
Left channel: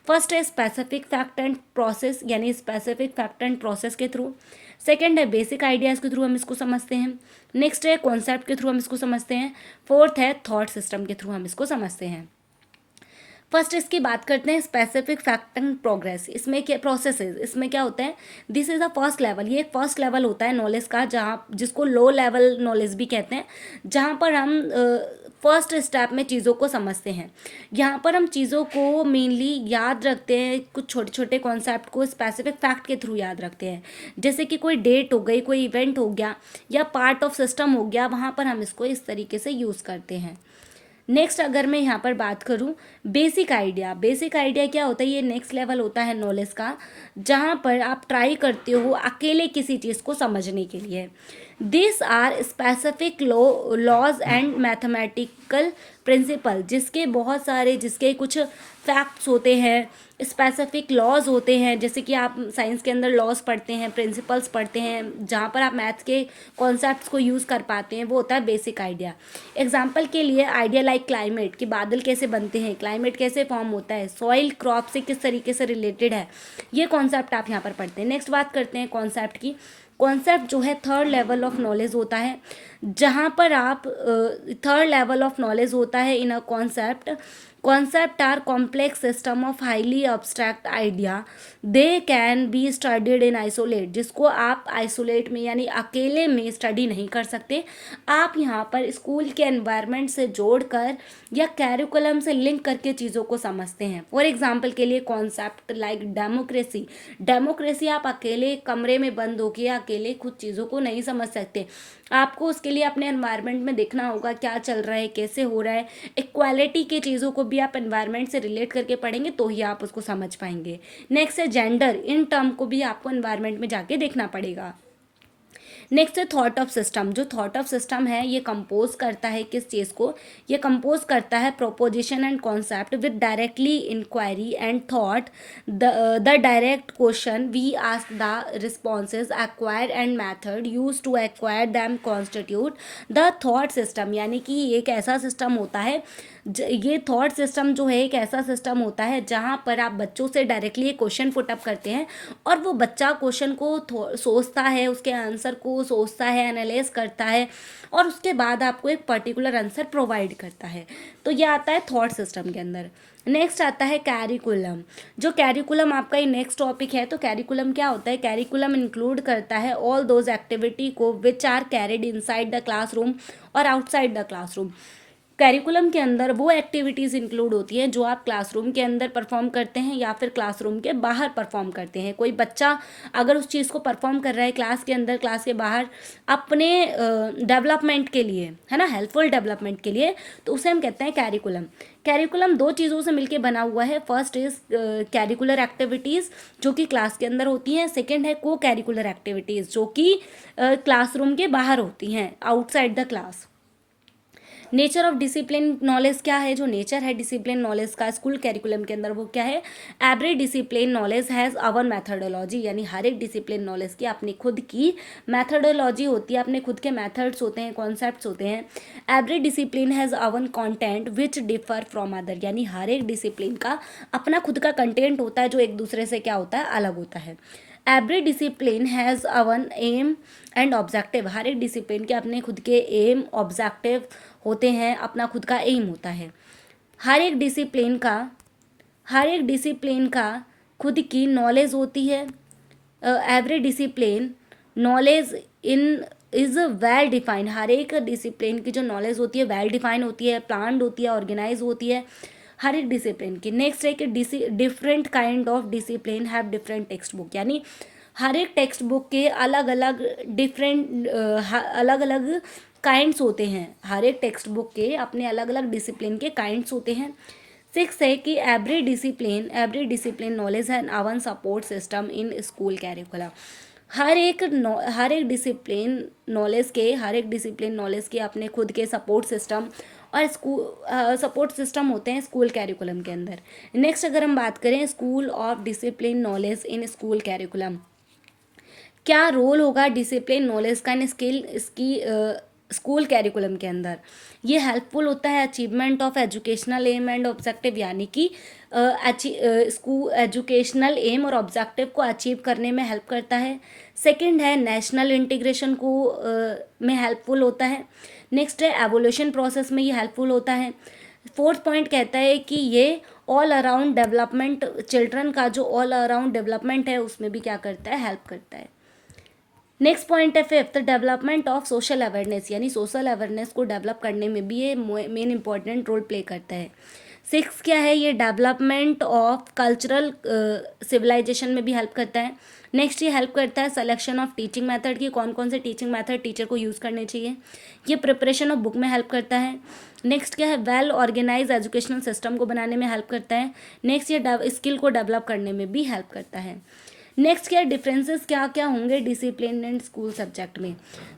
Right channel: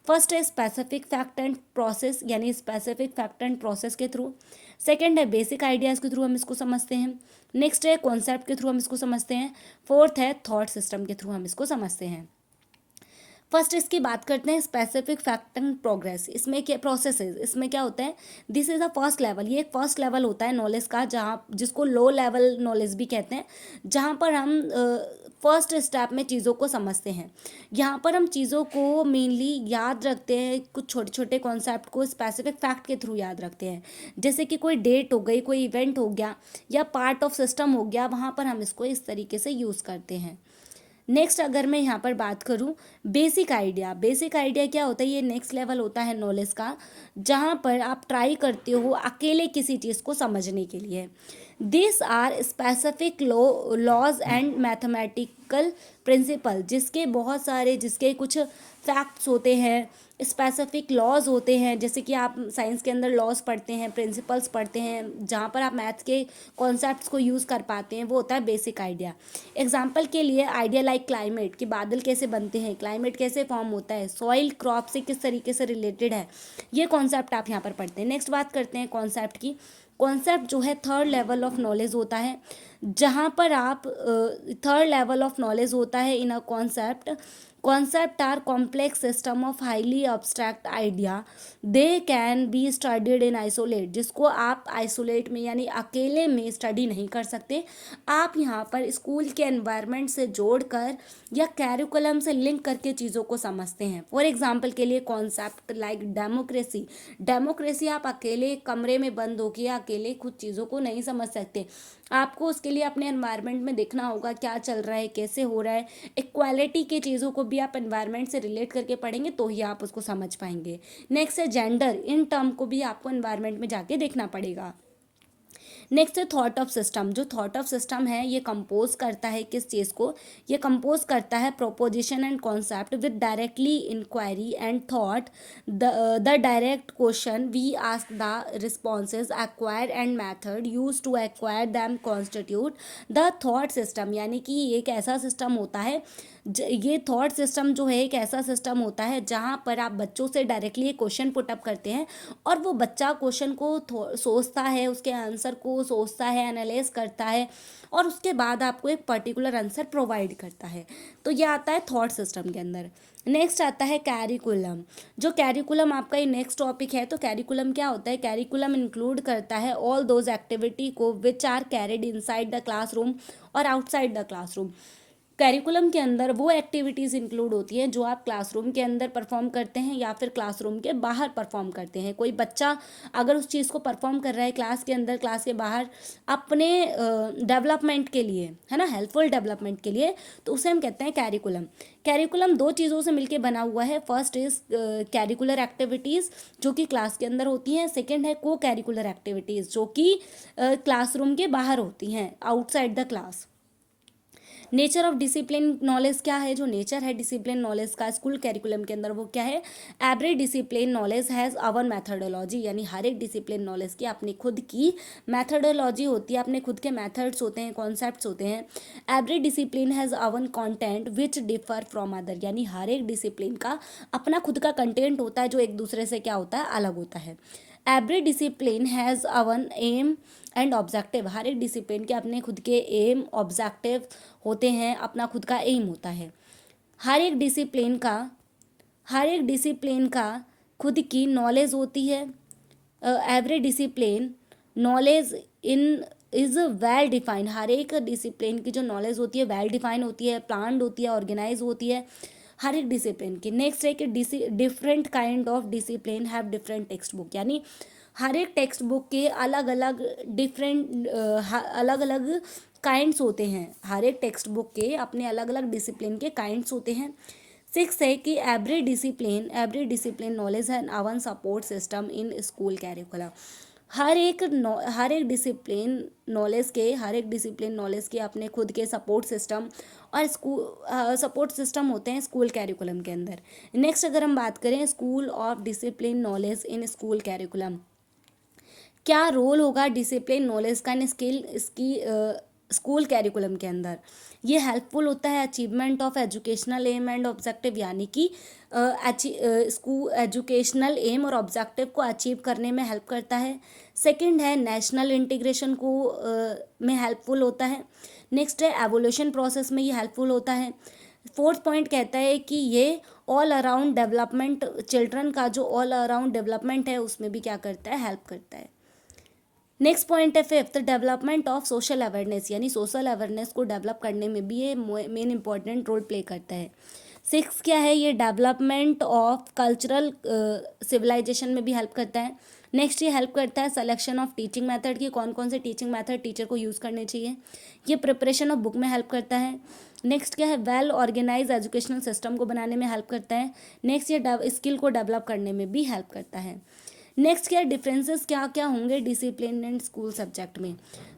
फर्स्ट है स्पेसिफिक फैक्ट एंड प्रोसेस, यानी स्पेसिफिक फैक्ट एंड प्रोसेस के थ्रू। सेकंड है बेसिक आइडियाज़ के थ्रू हम इसको समझते हैं। नेक्स्ट है कॉन्सेप्ट के थ्रू हम इसको समझते हैं। फोर्थ है थॉट सिस्टम के थ्रू हम इसको समझते हैं। फर्स्ट इसकी बात करते हैं स्पेसिफिक फैक्ट एंड प्रोग्रेस। इसमें क्या प्रोसेस है, इसमें क्या होता है, this is a first level, ये एक फर्स्ट लेवल होता है नॉलेज का, जहाँ जिसको लो लेवल नॉलेज भी कहते हैं, जहाँ पर हम फर्स्ट स्टेप में चीज़ों को समझते हैं। यहाँ पर हम चीज़ों को मेनली याद रखते हैं, कुछ छोटे छोटे कॉन्सेप्ट को स्पेसिफिक फैक्ट के थ्रू याद रखते हैं। जैसे कि कोई डेट हो गई, कोई इवेंट हो गया, या पार्ट ऑफ सिस्टम हो गया, वहाँ पर हम इसको इस तरीके से यूज़ करते हैं। नेक्स्ट अगर मैं यहाँ पर बात करूँ बेसिक आइडिया, बेसिक आइडिया क्या होता है, ये नेक्स्ट लेवल होता है नॉलेज का, जहाँ पर आप ट्राई करते हो अकेले किसी चीज़ को समझने के लिए। This are specific laws and mathematical principle, जिसके कुछ फैक्ट्स होते हैं, स्पेसिफिक लॉज होते हैं। जैसे कि आप साइंस के अंदर लॉज पढ़ते हैं, प्रिंसिपल्स पढ़ते हैं, जहाँ पर आप मैथ्स के कॉन्सेप्ट्स को यूज़ कर पाते हैं, वो होता है बेसिक आइडिया। एग्जाम्पल के लिए आइडिया लाइक क्लाइमेट, कि बादल कैसे बनते हैं, क्लाइमेट कैसे फॉर्म होता है, सॉइल क्रॉप से किस तरीके से रिलेटेड है, ये कॉन्सेप्ट आप यहाँ पर पढ़ते हैं। नेक्स्ट बात करते हैं कॉन्सेप्ट की। कॉन्सेप्ट जो है थर्ड लेवल ऑफ नॉलेज होता है, जहाँ पर आप थर्ड लेवल ऑफ नॉलेज होता है in a concept or complex system of highly abstract idea, they can be studied in isolate, जिसको आप आइसोलेट में यानी अकेले में स्टडी नहीं कर सकते, आप यहाँ पर स्कूल के एनवायरनमेंट से जोड़कर या कैरिकुलम से लिंक करके चीज़ों को समझते हैं। फॉर एग्जाम्पल के लिए कॉन्सेप्ट लाइक डेमोक्रेसी, डेमोक्रेसी आप अकेले कमरे में बंद होकर अकेले खुद चीज़ों को नहीं समझ सकते, आपको उसके लिए अपने एनवायरनमेंट में देखना होगा क्या चल रहा है, कैसे हो रहा है। इक्वालिटी के चीज़ों को भी आप एनवायरनमेंट से रिलेट करके पढ़ेंगे तो ही आप उसको समझ पाएंगे। नेक्स्ट है जेंडर, इन टर्म को भी आपको एनवायरनमेंट में जाके देखना पड़ेगा। नेक्स्ट है थॉट ऑफ सिस्टम। जो थॉट ऑफ सिस्टम है ये कंपोज करता है किस चीज़ को, ये कंपोज करता है proposition and concept with directly inquiry and thought, the direct question we ask, the responses acquire and method use to acquire them constitute the thought system. यानी कि ये एक ऐसा सिस्टम होता है, ये थॉट सिस्टम जो है एक ऐसा सिस्टम होता है जहाँ पर आप बच्चों से डायरेक्टली एक क्वेश्चन पुट अप करते हैं और वो बच्चा क्वेश्चन को सोचता है, उसके आंसर को सोचता है, एनालाइज करता है और उसके बाद आपको एक पर्टिकुलर आंसर प्रोवाइड करता है। तो ये आता है थॉट सिस्टम के अंदर। नेक्स्ट आता है कैरिकुलम। जो कैरिकुलम आपका ये नेक्स्ट टॉपिक है। तो कैरिकुलम क्या होता है, कैरिकुलम इंक्लूड करता है ऑल दोज एक्टिविटी को which are carried inside the classroom और आउटसाइड द क्लासरूम। कैरिकुलम के अंदर वो एक्टिविटीज़ इंक्लूड होती हैं जो आप क्लासरूम के अंदर परफॉर्म करते हैं या फिर क्लासरूम के बाहर परफॉर्म करते हैं। कोई बच्चा अगर उस चीज़ को परफॉर्म कर रहा है क्लास के अंदर, क्लास के बाहर, अपने डेवलपमेंट के लिए, है ना, हेल्पफुल डेवलपमेंट के लिए, तो उसे हम कहते हैं कैरिकुलम। कैरिकुलम दो चीज़ों से मिलकर बना हुआ है। फर्स्ट इज कैरिकुलर एक्टिविटीज़ जो कि क्लास के अंदर होती हैं। सेकेंड है को कैरिकुलर एक्टिविटीज़ जो कि क्लासरूम के बाहर होती हैं, outside the class. Nature of discipline knowledge क्या है, जो नेचर है डिसिप्लिन नॉलेज का स्कूल कैरिकुलम के अंदर वो क्या है, every discipline knowledge has our methodology. यानी हर एक डिसिप्लिन नॉलेज की अपनी खुद की मैथडोलॉजी होती है, अपने खुद के मैथड्स होते हैं, कॉन्सेप्ट्स होते हैं। Every discipline has our content which differ from other. यानी हर एक डिसिप्लिन का अपना खुद का कंटेंट होता है जो एक दूसरे से क्या होता है, अलग होता है। Every discipline has own aim and objective. हर एक डिसिप्लिन के अपने खुद के एम, ऑब्जेक्टिव होते हैं, अपना खुद का एम होता है। हर एक डिसिप्लिन का खुद की नॉलेज होती है। Every discipline knowledge in is well defined. हर एक डिसिप्लिन की जो नॉलेज होती है वेल डिफाइंड होती है, प्लान्ड होती है, ऑर्गेनाइज होती है हर एक डिसिप्लिन की। नेक्स्ट है कि different kind of discipline have different text book. यानी हर एक टेक्स्ट बुक के अलग अलग डिफरेंट अलग अलग काइंड्स होते हैं। हर एक टेक्स्ट बुक के अपने अलग अलग डिसिप्लिन के काइंड्स होते हैं। सिक्स है कि every discipline knowledge and own support system in school curriculum. हर एक डिसिप्लिन नॉलेज के अपने खुद के सपोर्ट सिस्टम और सपोर्ट सिस्टम होते हैं स्कूल कैरिकुलम के अंदर। नेक्स्ट अगर हम बात करें school of discipline knowledge in school curriculum, क्या रोल होगा डिसिप्लिन नॉलेज का इन स्कूल कैरिकुलम के अंदर। ये हेल्पफुल होता है achievement of educational aim and objective. यानी कि स्कूल एजुकेशनल एम और ऑब्जेक्टिव को अचीव करने में हेल्प करता है। सेकंड है नेशनल इंटीग्रेशन को में हेल्पफुल होता है। नेक्स्ट है एवोल्यूशन प्रोसेस में ये हेल्पफुल होता है। फोर्थ पॉइंट कहता है कि ये ऑल अराउंड डेवलपमेंट, चिल्ड्रन का जो ऑल अराउंड डेवलपमेंट है उसमें भी क्या करता है, हेल्प करता है। नेक्स्ट पॉइंट है fifth, development of social awareness. यानी सोशल अवेयरनेस को डेवलप करने में भी ये मेन इंपॉर्टेंट रोल प्ले करता है। सिक्स क्या है, ये डेवलपमेंट ऑफ कल्चरल सिविलाइजेशन में भी हेल्प करता है। नेक्स्ट ये हेल्प करता है सिलेक्शन ऑफ टीचिंग मेथड की, कौन कौन से टीचिंग मेथड टीचर को यूज़ करने चाहिए। ये प्रिपरेशन ऑफ बुक में हेल्प करता है। नेक्स्ट क्या है, वेल ऑर्गेनाइज एजुकेशनल सिस्टम को बनाने में हेल्प करता है। नेक्स्ट ये स्किल को डेवलप करने में भी हेल्प करता है। नेक्स्ट क्या डिफरेंसेस क्या क्या होंगे डिसिप्लिन एंड स्कूल सब्जेक्ट में।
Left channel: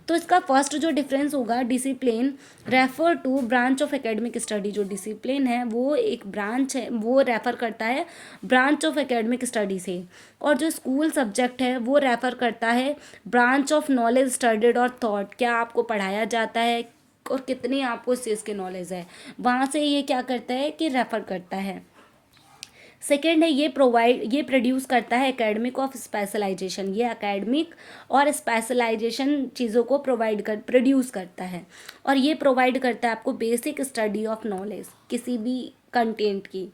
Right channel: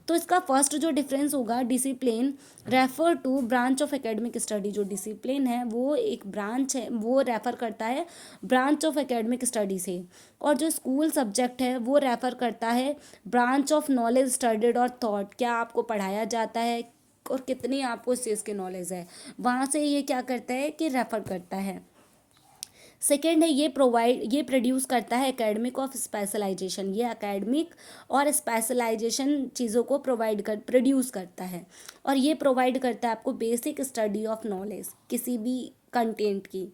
तो इसका फर्स्ट जो डिफरेंस होगा, discipline refer to branch of academic study. जो डिसिप्लिन है वो एक ब्रांच है, वो रेफर करता है ब्रांच ऑफ एकेडमिक स्टडी से। और जो स्कूल सब्जेक्ट है वो रेफर करता है ब्रांच ऑफ नॉलेज स्टडीड और थॉट। क्या आपको पढ़ाया जाता है और कितनी आपको इस चीज़ की नॉलेज है, वहाँ से ये क्या करता है कि रेफर करता है। सेकेंड है ये प्रोड्यूस करता है एकेडमिक ऑफ स्पेशलाइजेशन। ये एकेडमिक और स्पेशलाइजेशन चीज़ों को प्रोड्यूस करता है और ये प्रोवाइड करता है आपको बेसिक स्टडी ऑफ नॉलेज किसी भी कंटेंट की।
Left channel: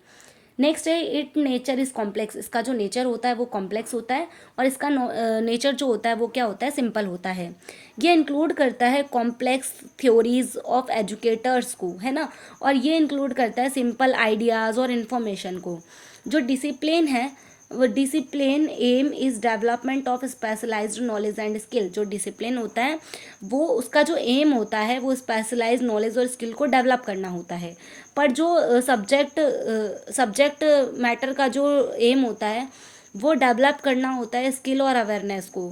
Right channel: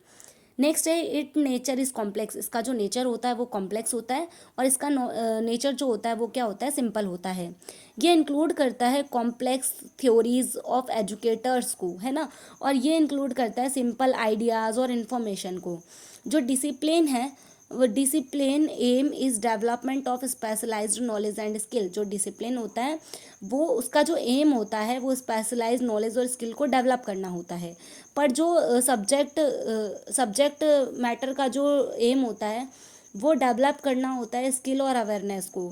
नेक्स्ट है इट नेचर इज़ कॉम्प्लेक्स। इसका जो नेचर होता है वो कॉम्प्लेक्स होता है और इसका नेचर जो होता है वो क्या होता है, सिंपल होता है। ये इंक्लूड करता है कॉम्प्लेक्स थ्योरीज ऑफ एजुकेटर्स को, है ना, और ये इंक्लूड करता है सिंपल आइडियाज़ और इन्फॉर्मेशन को। जो डिसिप्लिन है वो discipline aim is development of specialised knowledge and skill. जो डिसिप्लिन होता है वो उसका जो एम होता है वो स्पेशलाइज्ड नॉलेज और स्किल को डेवलप करना होता है। पर जो सब्जेक्ट मैटर का जो एम होता है वो डेवलप करना होता है स्किल और अवेयरनेस को।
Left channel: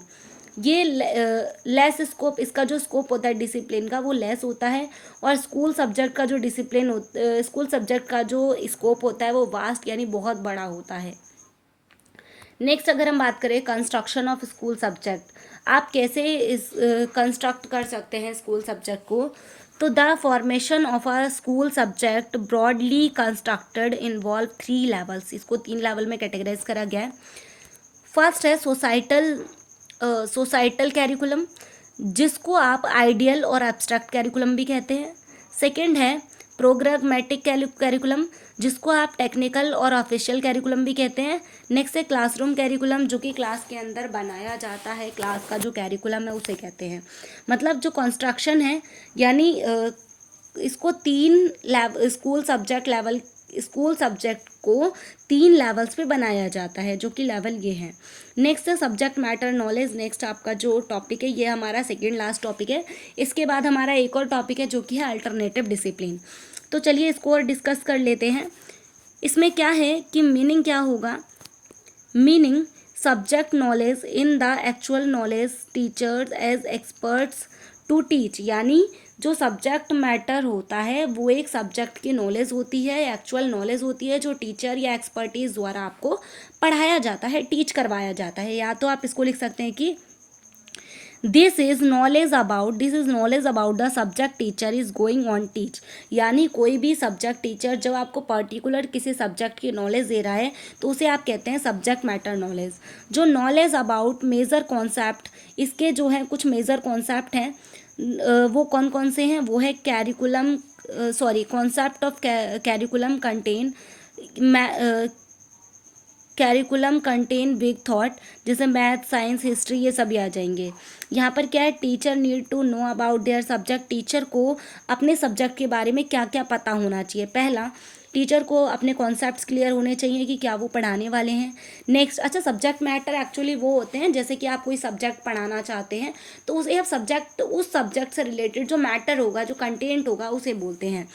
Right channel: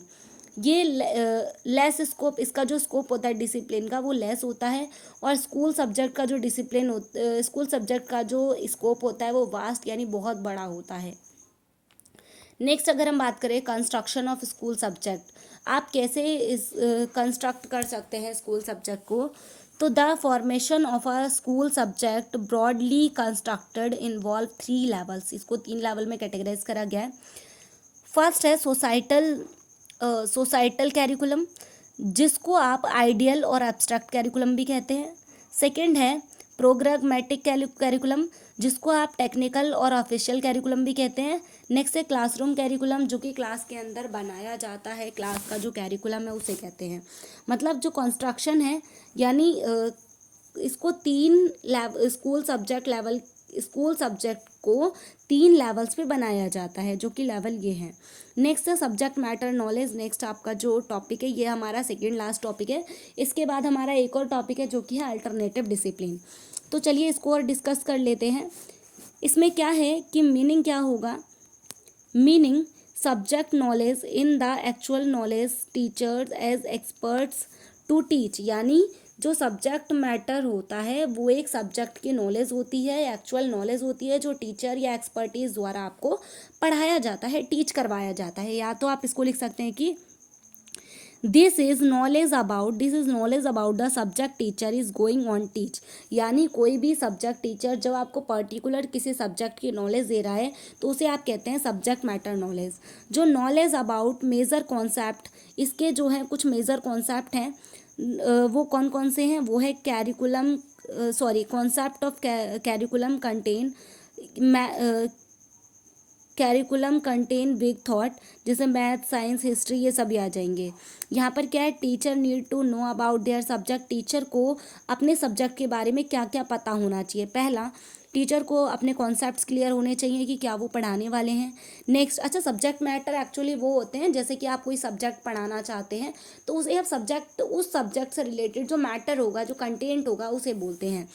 ये लेस स्कोप, इसका जो स्कोप होता है डिसिप्लिन का वो लेस होता है, और स्कूल सब्जेक्ट का जो स्कूल सब्जेक्ट का जो स्कोप होता है वो वास्ट यानी बहुत बड़ा होता है। नेक्स्ट अगर हम बात करें कंस्ट्रक्शन ऑफ स्कूल सब्जेक्ट, आप कैसे इस कंस्ट्रक्ट कर सकते हैं स्कूल सब्जेक्ट को, तो the formation of a school subject broadly constructed involve 3 levels, इसको 3 लेवल में कैटेगराइज करा गया है। फर्स्ट है सोसाइटल कैरिकुलम, जिसको आप आइडियल और एब्स्ट्रैक्ट कैरिकुलम भी कहते हैं। सेकंड है प्रोग्रामेटिक कैरिकुलम, जिसको आप टेक्निकल और ऑफिशियल कैरिकुलम भी कहते हैं। नेक्स्ट है क्लासरूम कैरिकुलम, जो कि क्लास के अंदर बनाया जाता है, क्लास का जो कैरिकुलम है उसे कहते हैं। मतलब जो कंस्ट्रक्शन है यानी इसको स्कूल सब्जेक्ट को 3 लेवल्स पे बनाया जाता है, जो कि लेवल ये है। नेक्स्ट है सब्जेक्ट मैटर नॉलेज, नेक्स्ट आपका जो टॉपिक है ये हमारा सेकेंड लास्ट टॉपिक है। इसके बाद हमारा एक और टॉपिक है जो कि है अल्टरनेटिव डिसिप्लिन। तो चलिए इसको और डिस्कस कर लेते हैं। इसमें क्या है कि मीनिंग क्या होगा, meaning subject knowledge in the actual knowledge teachers as experts to teach, यानी जो सब्जेक्ट मैटर होता है वो एक सब्जेक्ट की नॉलेज होती है, एक्चुअल नॉलेज होती है, जो टीचर या एक्सपर्टीज द्वारा आपको पढ़ाया जाता है, टीच करवाया जाता है। या तो आप इसको लिख सकते हैं कि this is knowledge about the subject teacher is going on teach, यानी कोई भी सब्जेक्ट टीचर जब आपको पर्टिकुलर किसी सब्जेक्ट की नॉलेज दे रहा है तो उसे आप कहते हैं सब्जेक्ट मैटर नॉलेज। जो नॉलेज अबाउट मेजर कॉन्सेप्ट, इसके जो है कुछ मेजर कॉन्सेप्ट हैं, वो कौन कौन से हैं, वो है concept of curriculum content big thought, जैसे मैथ, साइंस, हिस्ट्री, ये सभी आ जाएंगे। यहाँ पर क्या है, teacher need to know about their subject, teacher को अपने सब्जेक्ट के बारे में क्या क्या पता होना चाहिए। पहला, टीचर को अपने कॉन्सेप्ट्स क्लियर होने चाहिए कि क्या वो पढ़ाने वाले हैं। नेक्स्ट, अच्छा सब्जेक्ट मैटर एक्चुअली वो होते हैं जैसे कि आप कोई सब्जेक्ट पढ़ाना चाहते हैं तो उसे आप उस सब्जेक्ट से रिलेटेड जो मैटर होगा, जो कंटेंट होगा, उसे बोलते हैं।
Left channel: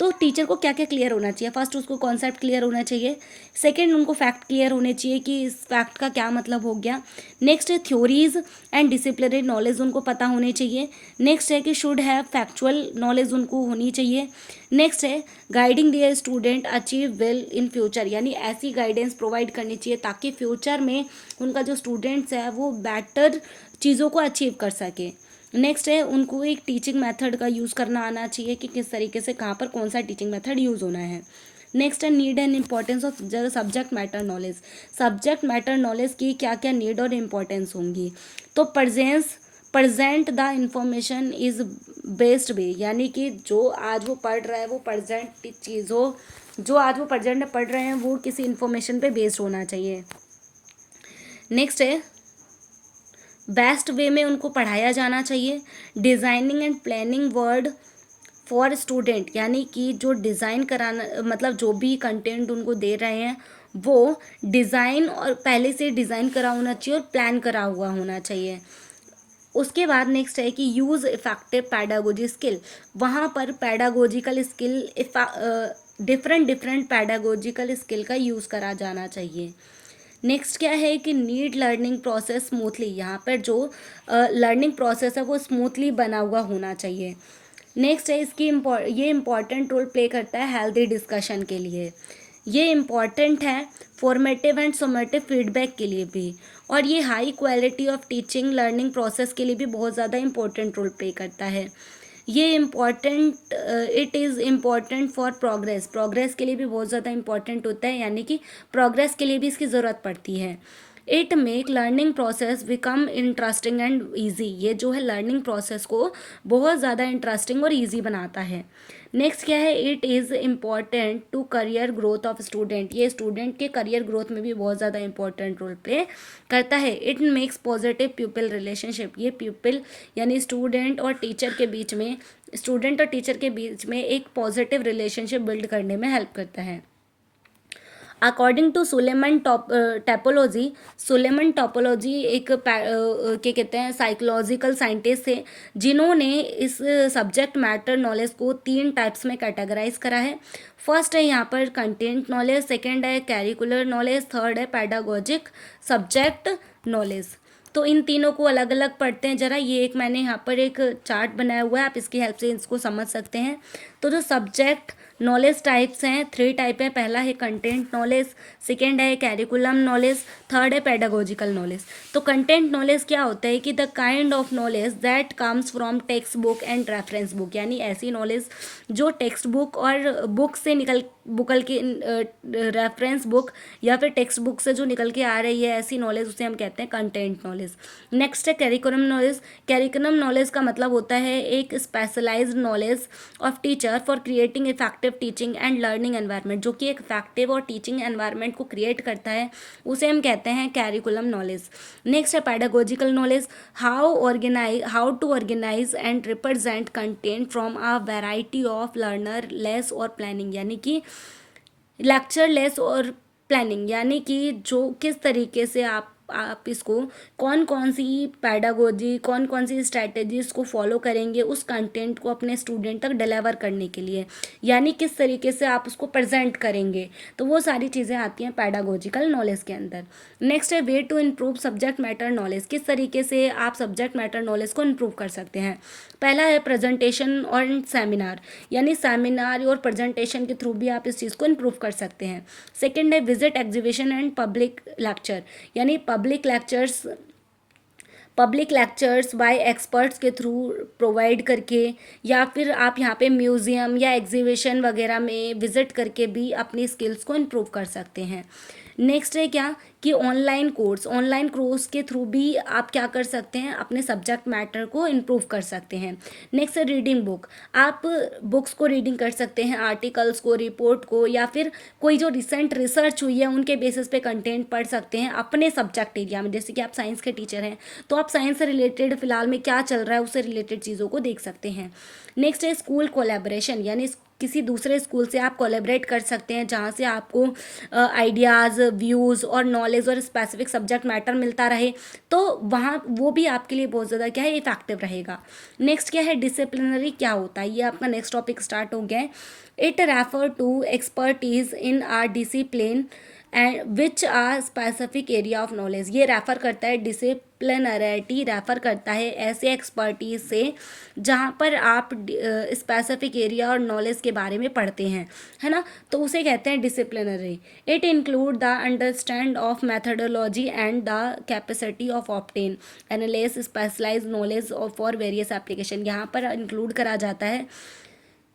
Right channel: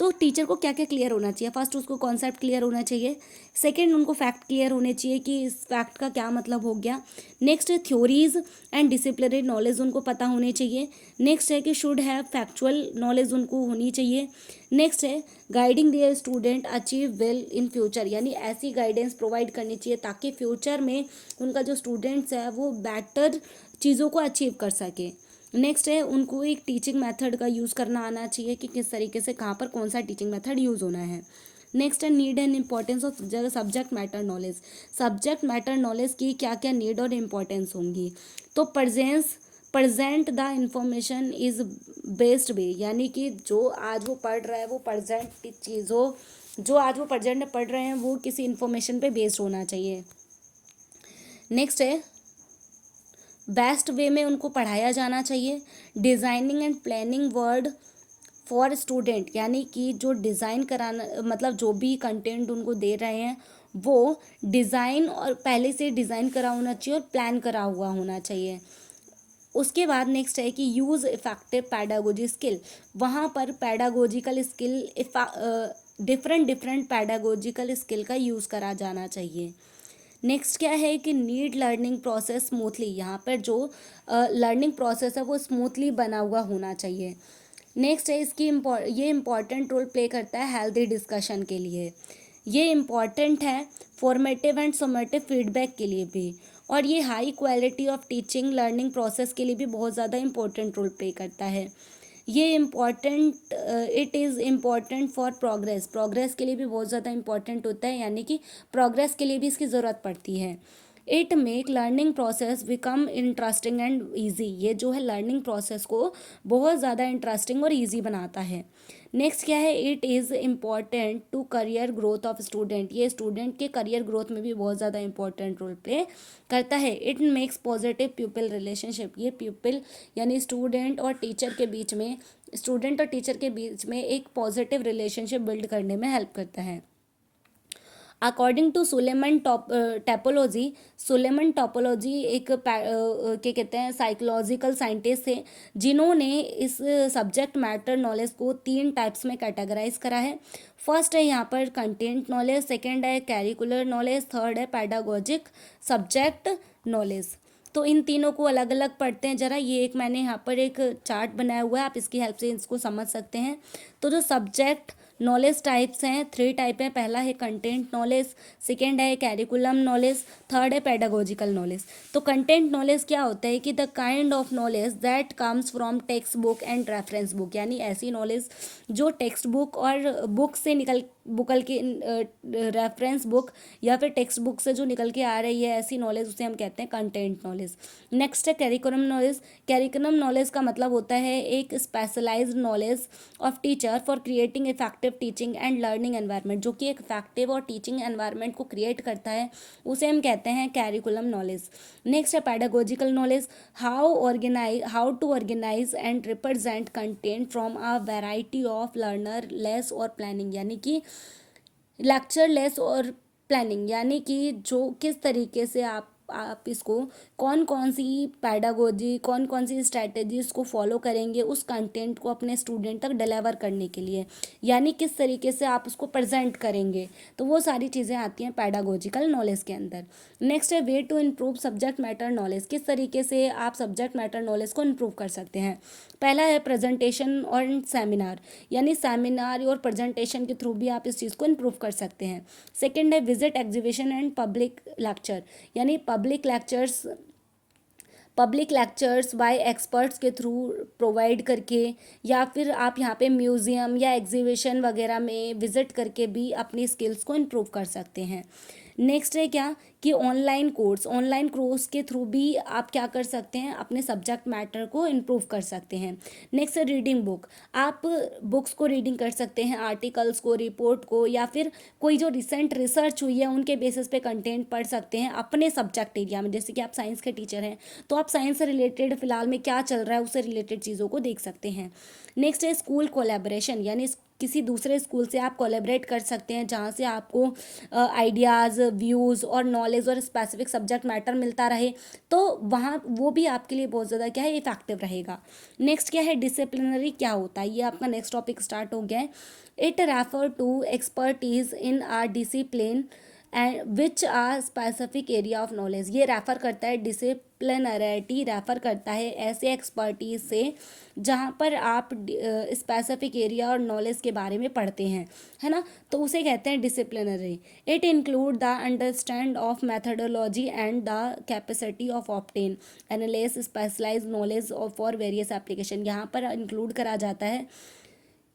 तो टीचर को क्या क्या क्लियर होना चाहिए, फर्स्ट उसको कॉन्सेप्ट क्लियर होना चाहिए, सेकंड उनको फैक्ट क्लियर होने चाहिए कि इस फैक्ट का क्या मतलब हो गया। नेक्स्ट है थ्योरीज एंड डिसिप्लिनरी नॉलेज उनको पता होनी चाहिए। नेक्स्ट है कि शुड हैव फैक्चुअल नॉलेज उनको होनी चाहिए। नेक्स्ट है guiding their student achieve well in future, यानी ऐसी गाइडेंस प्रोवाइड करनी चाहिए ताकि फ्यूचर में उनका जो स्टूडेंट्स है वो बेटर चीज़ों को अचीव कर सके। नेक्स्ट है उनको एक टीचिंग मेथड का यूज़ करना आना चाहिए कि किस तरीके से कहाँ पर कौन सा टीचिंग मेथड यूज़ होना है। नेक्स्ट है need and importance of subject matter knowledge, subject matter knowledge की क्या क्या नीड और इम्पॉर्टेंस होंगी। तो present the information is based way, यानी कि जो आज वो पढ़ रहा है वो प्रजेंट चीज़ों, जो आज वो प्रजेंट में पढ़ रहे हैं वो किसी इन्फॉर्मेशन पे बेस्ड होना चाहिए। नेक्स्ट है बेस्ट वे में उनको पढ़ाया जाना चाहिए। Designing and planning word for student, यानी कि जो डिज़ाइन कराना, मतलब जो भी कंटेंट उनको दे रहे हैं वो डिज़ाइन और पहले से डिज़ाइन करा होना चाहिए और प्लान करा हुआ होना चाहिए। उसके बाद नेक्स्ट है कि यूज़ इफेक्टिव पैडागोजी स्किल, वहाँ पर pedagogical skill different pedagogical skill का यूज़ करा जाना चाहिए। नेक्स्ट क्या है कि नीड लर्निंग प्रोसेस स्मूथली, यहाँ पर जो लर्निंग प्रोसेस है वो स्मूथली बना हुआ होना चाहिए। नेक्स्ट है ये इम्पॉर्टेंट रोल प्ले करता है हेल्दी डिस्कशन के लिए, ये इम्पॉर्टेंट है फॉर्मेटिव एंड सोमेटिव फीडबैक के लिए भी, और ये high quality of teaching learning process के लिए भी बहुत ज़्यादा इम्पॉर्टेंट रोल प्ले करता है। ये it is important for progress के लिए भी बहुत ज़्यादा इम्पॉर्टेंट होता है, यानी कि प्रोग्रेस के लिए भी इसकी ज़रूरत पड़ती है। It make learning process become interesting and easy, ये जो है लर्निंग प्रोसेस को बहुत ज़्यादा इंटरेस्टिंग और ईजी बनाता है। नेक्स्ट क्या है, it is important to career growth of student, ये स्टूडेंट के करियर ग्रोथ में भी बहुत ज़्यादा इंपॉर्टेंट रोल प्ले करता है। It makes positive pupil relationship, ये प्यूपिल यानी स्टूडेंट और टीचर के बीच में एक पॉजिटिव रिलेशनशिप बिल्ड करने में हेल्प करता है। अकॉर्डिंग टू सुलेमन टोपोलॉजी एक क्या कहते हैं साइकोलॉजिकल साइंटिस्ट थे जिन्होंने इस सब्जेक्ट मैटर नॉलेज को 3 टाइप्स में कैटेगराइज करा है। फर्स्ट है यहाँ पर कंटेंट नॉलेज, सेकंड है कैरिकुलर नॉलेज, थर्ड है पैडागोजिक सब्जेक्ट नॉलेज। तो इन तीनों को अलग अलग पढ़ते हैं जरा। ये एक मैंने यहाँ पर एक चार्ट बनाया हुआ है, आप इसकी हेल्प से इसको समझ सकते हैं। तो जो सब्जेक्ट नॉलेज टाइप्स हैं, 3 टाइप है। पहला है कंटेंट नॉलेज, सेकेंड है कैरिकुलम नॉलेज, थर्ड है पेडागोजिकल नॉलेज। तो कंटेंट नॉलेज क्या होता है कि the kind of knowledge that comes from text book and reference book, यानी ऐसी नॉलेज जो टेक्स्ट बुक और बुक से निकल के रेफरेंस बुक या फिर टेक्स्ट बुक से जो निकल के आ रही है, ऐसी नॉलेज उसे हम कहते हैं कंटेंट नॉलेज। नेक्स्ट है कैरिकुलम नॉलेज। कैरिकुलम नॉलेज का मतलब होता है एक specialised knowledge of teacher for creating effective teaching and learning environment, जो कि एक इफेक्टिव और टीचिंग एनवायरनमेंट को क्रिएट करता है, उसे हम कहते हैं कैरिकुलम नॉलेज। नेक्स्ट है pedagogical knowledge. How to organise and represent content from a variety of learner less और प्लानिंग, यानी कि लेक्चर लेस और प्लानिंग, यानी कि जो किस तरीके से आप इसको कौन कौन सी पैडागोजी, कौन कौन सी स्ट्रैटेजीज को फॉलो करेंगे उस कंटेंट को अपने स्टूडेंट तक डिलीवर करने के लिए, यानी किस तरीके से आप उसको प्रेजेंट करेंगे, तो वो सारी चीज़ें आती हैं पैडागोजिकल नॉलेज के अंदर। नेक्स्ट है way to improve subject matter knowledge. किस तरीके से आप सब्जेक्ट मैटर नॉलेज को इम्प्रूव कर सकते हैं। पहला है प्रेजेंटेशन और सेमिनार, यानी सेमिनार और प्रेजेंटेशन के थ्रू भी आप इस चीज़ को इम्प्रूव कर सकते हैं। सेकंड है visit exhibition and public lecture, यानी पब्लिक लेक्चर्स बाय एक्सपर्ट्स के थ्रू प्रोवाइड करके, या फिर आप यहाँ पे म्यूज़ियम या एग्जीबिशन वगैरह में विज़िट करके भी अपनी स्किल्स को इम्प्रूव कर सकते हैं। नेक्स्ट है क्या कि ऑनलाइन कोर्स के थ्रू भी आप क्या कर सकते हैं, अपने सब्जेक्ट मैटर को इम्प्रूव कर सकते हैं। नेक्स्ट है रीडिंग बुक। आप बुक्स को रीडिंग कर सकते हैं, आर्टिकल्स को, रिपोर्ट को, या फिर कोई जो रिसेंट रिसर्च हुई है उनके बेसिस पे कंटेंट पढ़ सकते हैं अपने सब्जेक्ट एरिया में। जैसे कि आप साइंस के टीचर हैं तो आप साइंस से रिलेटेड फिलहाल में क्या चल रहा है उससे रिलेटेड चीज़ों को देख सकते हैं। नेक्स्ट है स्कूल कोलैबोरेशन, यानी किसी दूसरे स्कूल से आप कोलैबोरेट कर सकते हैं जहाँ से आपको आइडियाज़, व्यूज़ और नॉलेज और स्पेसिफिक सब्जेक्ट मैटर मिलता रहे, तो वहाँ वो भी आपके लिए बहुत ज़्यादा क्या है, इफेक्टिव रहेगा। नेक्स्ट क्या है डिसिप्लिनरी, क्या होता है, ये आपका नेक्स्ट टॉपिक स्टार्ट हो गया है। It refer to expertise in our discipline and which are specific area of knowledge. ये रेफ़र करता है, डिसिप्लिनरिटी रेफ़र करता है ऐसे एक्सपर्टीज से जहाँ पर आप स्पेसिफिक एरिया और नॉलेज के बारे में पढ़ते हैं, है ना, तो उसे कहते हैं disciplinary. It include the understand of methodology and the capacity of obtain analyse specialise knowledge for various application. यहाँ पर इंक्लूड करा जाता है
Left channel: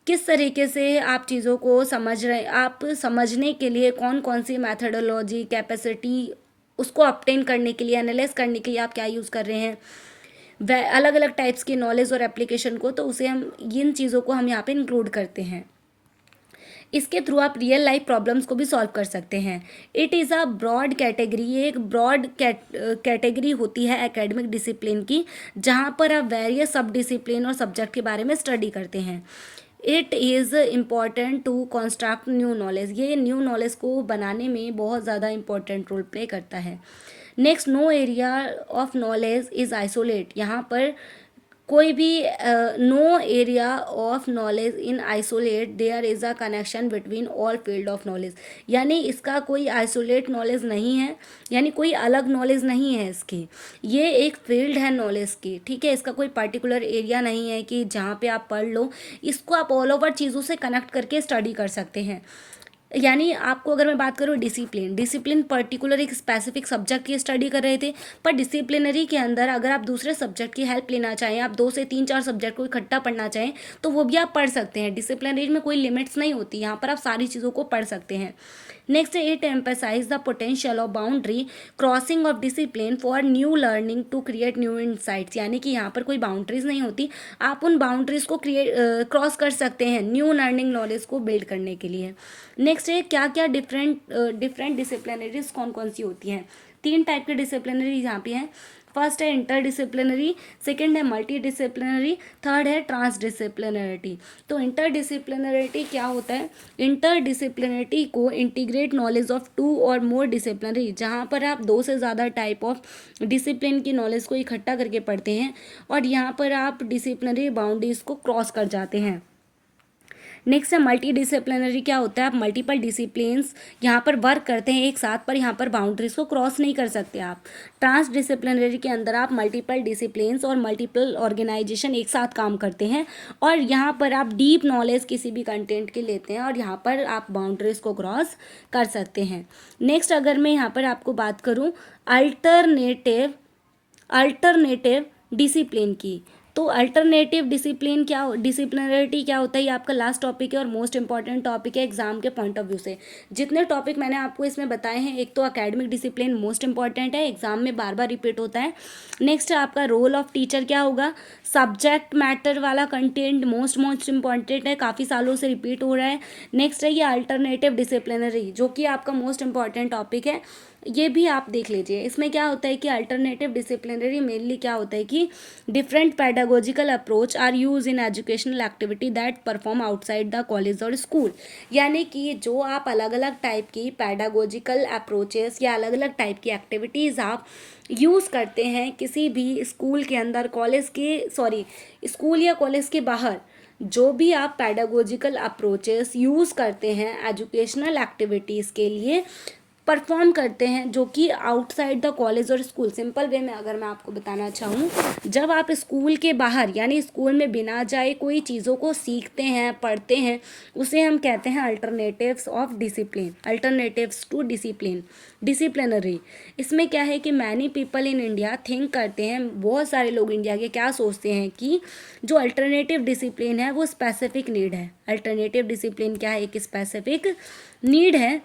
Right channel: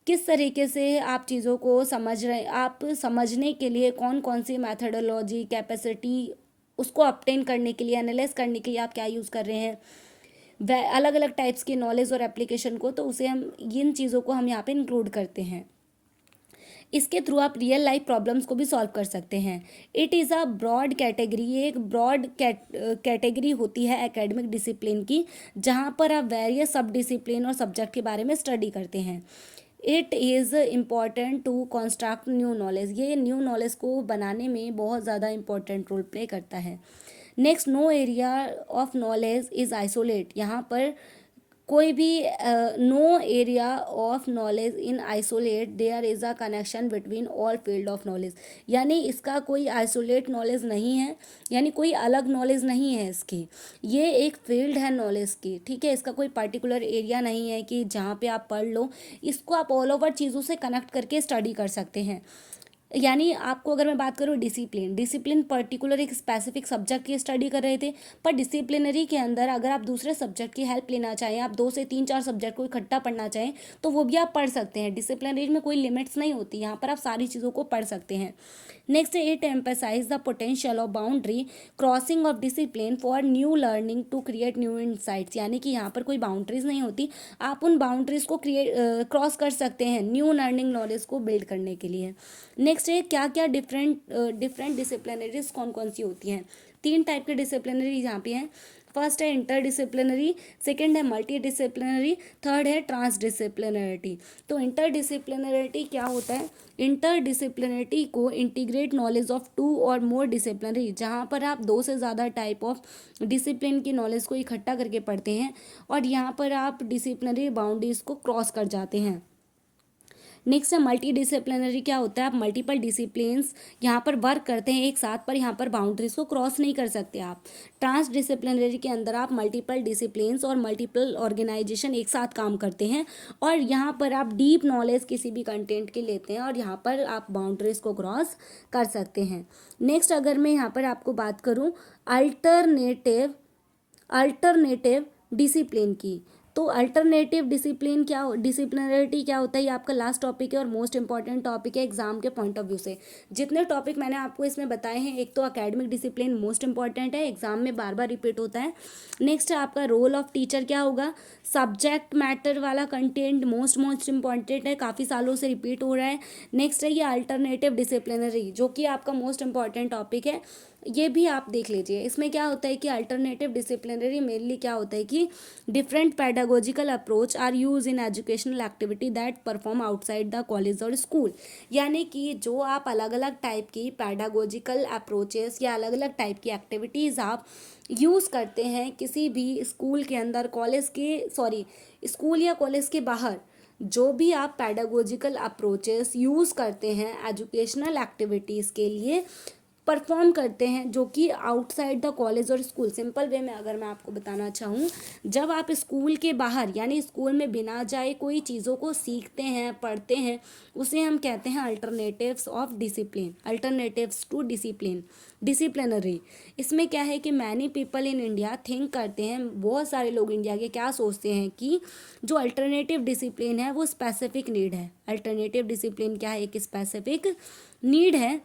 किस तरीके से आप चीज़ों को समझ रहे, आप समझने के लिए कौन कौन सी मैथडोलॉजी, कैपेसिटी, उसको ऑब्टेन करने के लिए, एनालाइज करने के लिए आप क्या यूज़ कर रहे हैं, वह अलग अलग टाइप्स की नॉलेज और एप्लीकेशन को, तो उसे हम इन चीज़ों को हम यहाँ पे इंक्लूड करते हैं। इसके थ्रू आप रियल लाइफ प्रॉब्लम्स को भी सॉल्व कर सकते हैं। It is a broad category, ये एक ब्रॉड कैटेगरी होती है एकेडमिक डिसिप्लिन की, जहाँ पर आप वेरियस सब डिसिप्लिन और सब्जेक्ट के बारे में स्टडी करते हैं। It is important to construct new knowledge, ये न्यू नॉलेज को बनाने में बहुत ज़्यादा इंपॉर्टेंट रोल प्ले करता है। Next, no area of knowledge is isolate, यहाँ पर कोई भी no area of knowledge in isolate, there is a connection between all field of knowledge, यानी इसका कोई आइसोलेट नॉलेज नहीं है, यानी कोई अलग नॉलेज नहीं है इसकी, ये एक फील्ड है नॉलेज की, ठीक है, इसका कोई पर्टिकुलर एरिया नहीं है कि जहाँ पे आप पढ़ लो, इसको आप ऑल ओवर चीज़ों से कनेक्ट करके स्टडी कर सकते हैं। यानी आपको अगर मैं बात करूँ डिसिप्लिन पर्टिकुलर एक स्पेसिफिक सब्जेक्ट की स्टडी कर रहे थे, पर डिसिप्लिनरी के अंदर अगर आप दूसरे सब्जेक्ट की हेल्प लेना चाहें, आप 2 से 3-4 सब्जेक्ट को इकट्ठा पढ़ना चाहें तो वो भी आप पढ़ सकते हैं। डिसिप्लिनरी में कोई लिमिट्स नहीं होती, यहाँ पर आप सारी चीज़ों को पढ़ सकते हैं। Next, it emphasise the potential of boundary crossing of discipline for new learning to create new insights, यानी कि यहाँ पर कोई बाउंड्रीज नहीं होती, आप उन बाउंड्रीज को क्रॉस कर सकते हैं न्यू लर्निंग नॉलेज को बिल्ड करने के लिए। नेक्स्ट है क्या क्या डिफरेंट डिसिप्लिनरीज कौन कौन सी होती हैं। 3 टाइप के डिसिप्लिनरी यहाँ पे हैं। फर्स्ट है इंटर डिसिप्लिनरी, सेकेंड है मल्टी डिसिप्लिनरी, थर्ड है ट्रांस डिसिप्लिनरिटी। तो इंटर डिसिप्लिनरिटी क्या होता है, इंटर डिसिप्लिनरिटी को इंटीग्रेट नॉलेज ऑफ 2 और मोर डिसिप्लिनरी, जहाँ पर आप 2 से ज़्यादा टाइप ऑफ डिसिप्लिन की नॉलेज को इकट्ठा करके पढ़ते हैं और यहाँ पर आप डिसिप्लिनरी बाउंड्रीज को क्रॉस कर जाते हैं। नेक्स्ट है मल्टी डिसिप्लिनरी। क्या होता है, आप मल्टीपल डिसिप्लिन्स यहाँ पर वर्क करते हैं एक साथ, पर यहाँ पर बाउंड्रीज को क्रॉस नहीं कर सकते आप। ट्रांस डिसिप्लिनरी के अंदर आप मल्टीपल डिसिप्लिन्स और मल्टीपल ऑर्गेनाइजेशन एक साथ काम करते हैं, और यहाँ पर आप डीप नॉलेज किसी भी कंटेंट की लेते हैं, और यहाँ पर आप बाउंड्रीज को क्रॉस कर सकते हैं। नेक्स्ट अगर मैं यहाँ पर आपको बात करूँ अल्टरनेटिव डिसिप्लिन की, तो अल्टरनेटिव डिसिप्लिनरिटी क्या होता है, ये आपका लास्ट टॉपिक है और मोस्ट इंपॉर्टेंट टॉपिक है एग्जाम के पॉइंट ऑफ व्यू से। जितने टॉपिक मैंने आपको इसमें बताए हैं, एक तो एकेडमिक डिसिप्लिन मोस्ट इंपॉर्टेंट है, एग्जाम में बार बार रिपीट होता है। नेक्स्ट आपका रोल ऑफ टीचर क्या होगा, सब्जेक्ट मैटर वाला कंटेंट मोस्ट इंपॉर्टेंट है, काफ़ी सालों से रिपीट हो रहा है। नेक्स्ट है ये अल्टरनेटिव डिसिप्लिनरी, जो कि आपका मोस्ट इंपॉर्टेंट टॉपिक है, ये भी आप देख लीजिए। इसमें क्या होता है कि अल्टरनेटिव डिसिप्लिनरी मेनली क्या होता है कि different pedagogical approach are use in educational activity that perform outside the college और स्कूल। यानी कि जो आप अलग अलग टाइप की पैडागोजिकल अप्रोचेस या अलग अलग टाइप की एक्टिविटीज़ आप यूज़ करते हैं किसी भी स्कूल के अंदर, स्कूल या कॉलेज के बाहर, जो भी आप पैडागोजिकल अप्रोचेस यूज़ करते हैं एजुकेशनल एक्टिविटीज़ के लिए, परफॉर्म करते हैं, जो कि आउटसाइड द कॉलेज और स्कूल। सिंपल वे में अगर मैं आपको बताना चाहूँ, जब आप स्कूल के बाहर यानी स्कूल में बिना जाए कोई चीज़ों को सीखते हैं, पढ़ते हैं, उसे हम कहते हैं alternatives of discipline, alternatives to disciplinary. इसमें क्या है कि many people in India think करते हैं, बहुत सारे लोग इंडिया के क्या सोचते हैं कि जो अल्टरनेटिव डिसिप्लिन है वो स्पेसिफिक नीड है। अल्टरनेटिव डिसिप्लिन क्या है, एक स्पेसिफिक नीड है,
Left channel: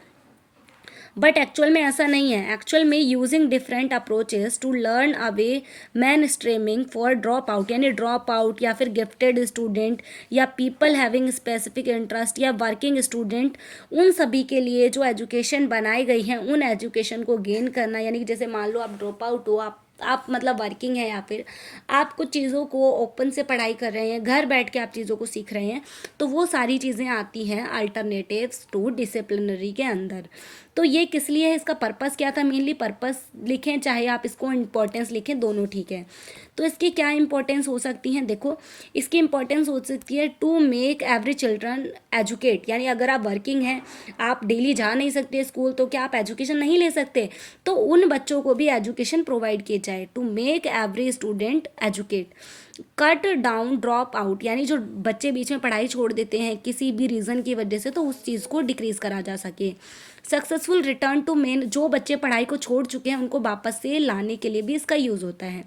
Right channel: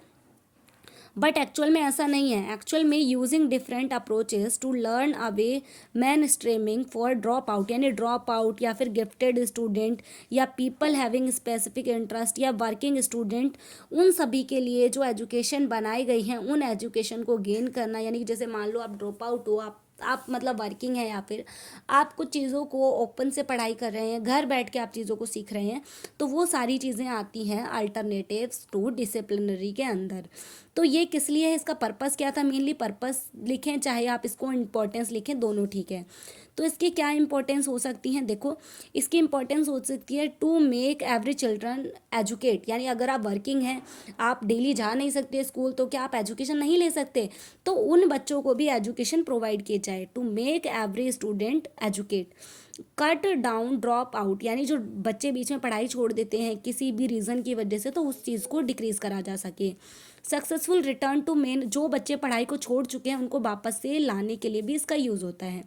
बट एक्चुअल में ऐसा नहीं है। एक्चुअल में using different approaches to learn away mainstreaming for drop out, यानी ड्रॉप आउट या फिर गिफ्टेड स्टूडेंट या पीपल हैविंग स्पेसिफिक इंटरेस्ट या वर्किंग स्टूडेंट, उन सभी के लिए जो एजुकेशन बनाई गई है, उन एजुकेशन को गेन करना। यानी कि जैसे मान लो आप ड्रॉप आउट हो, आप मतलब वर्किंग है, या फिर आप कुछ चीज़ों को ओपन से पढ़ाई कर रहे हैं, घर बैठ के आप चीज़ों को सीख रहे हैं, तो वो सारी चीज़ें आती हैं अल्टरनेटिव्स टू डिसिप्लिनरी के अंदर। तो ये किस लिए है, इसका पर्पस क्या था, मेनली पर्पस लिखें चाहे आप इसको इंपॉर्टेंस लिखें, दोनों ठीक है। तो इसकी क्या इंपॉर्टेंस हो सकती हैं, देखो इसकी इंपॉर्टेंस हो सकती है to make every children educate. यानी अगर आप वर्किंग हैं, आप डेली जा नहीं सकते स्कूल, तो क्या आप एजुकेशन नहीं ले सकते, तो उन बच्चों को भी एजुकेशन प्रोवाइड किए जाए, to make every student educate. Cut down drop out, यानी जो बच्चे बीच में पढ़ाई छोड़ देते हैं किसी भी रीज़न की वजह से, तो उस चीज़ को डिक्रीज़ करा जा सके। सक्सेसफुल रिटर्न टू मेन, जो बच्चे पढ़ाई को छोड़ चुके हैं उनको वापस से लाने के लिए भी इसका यूज़ होता है।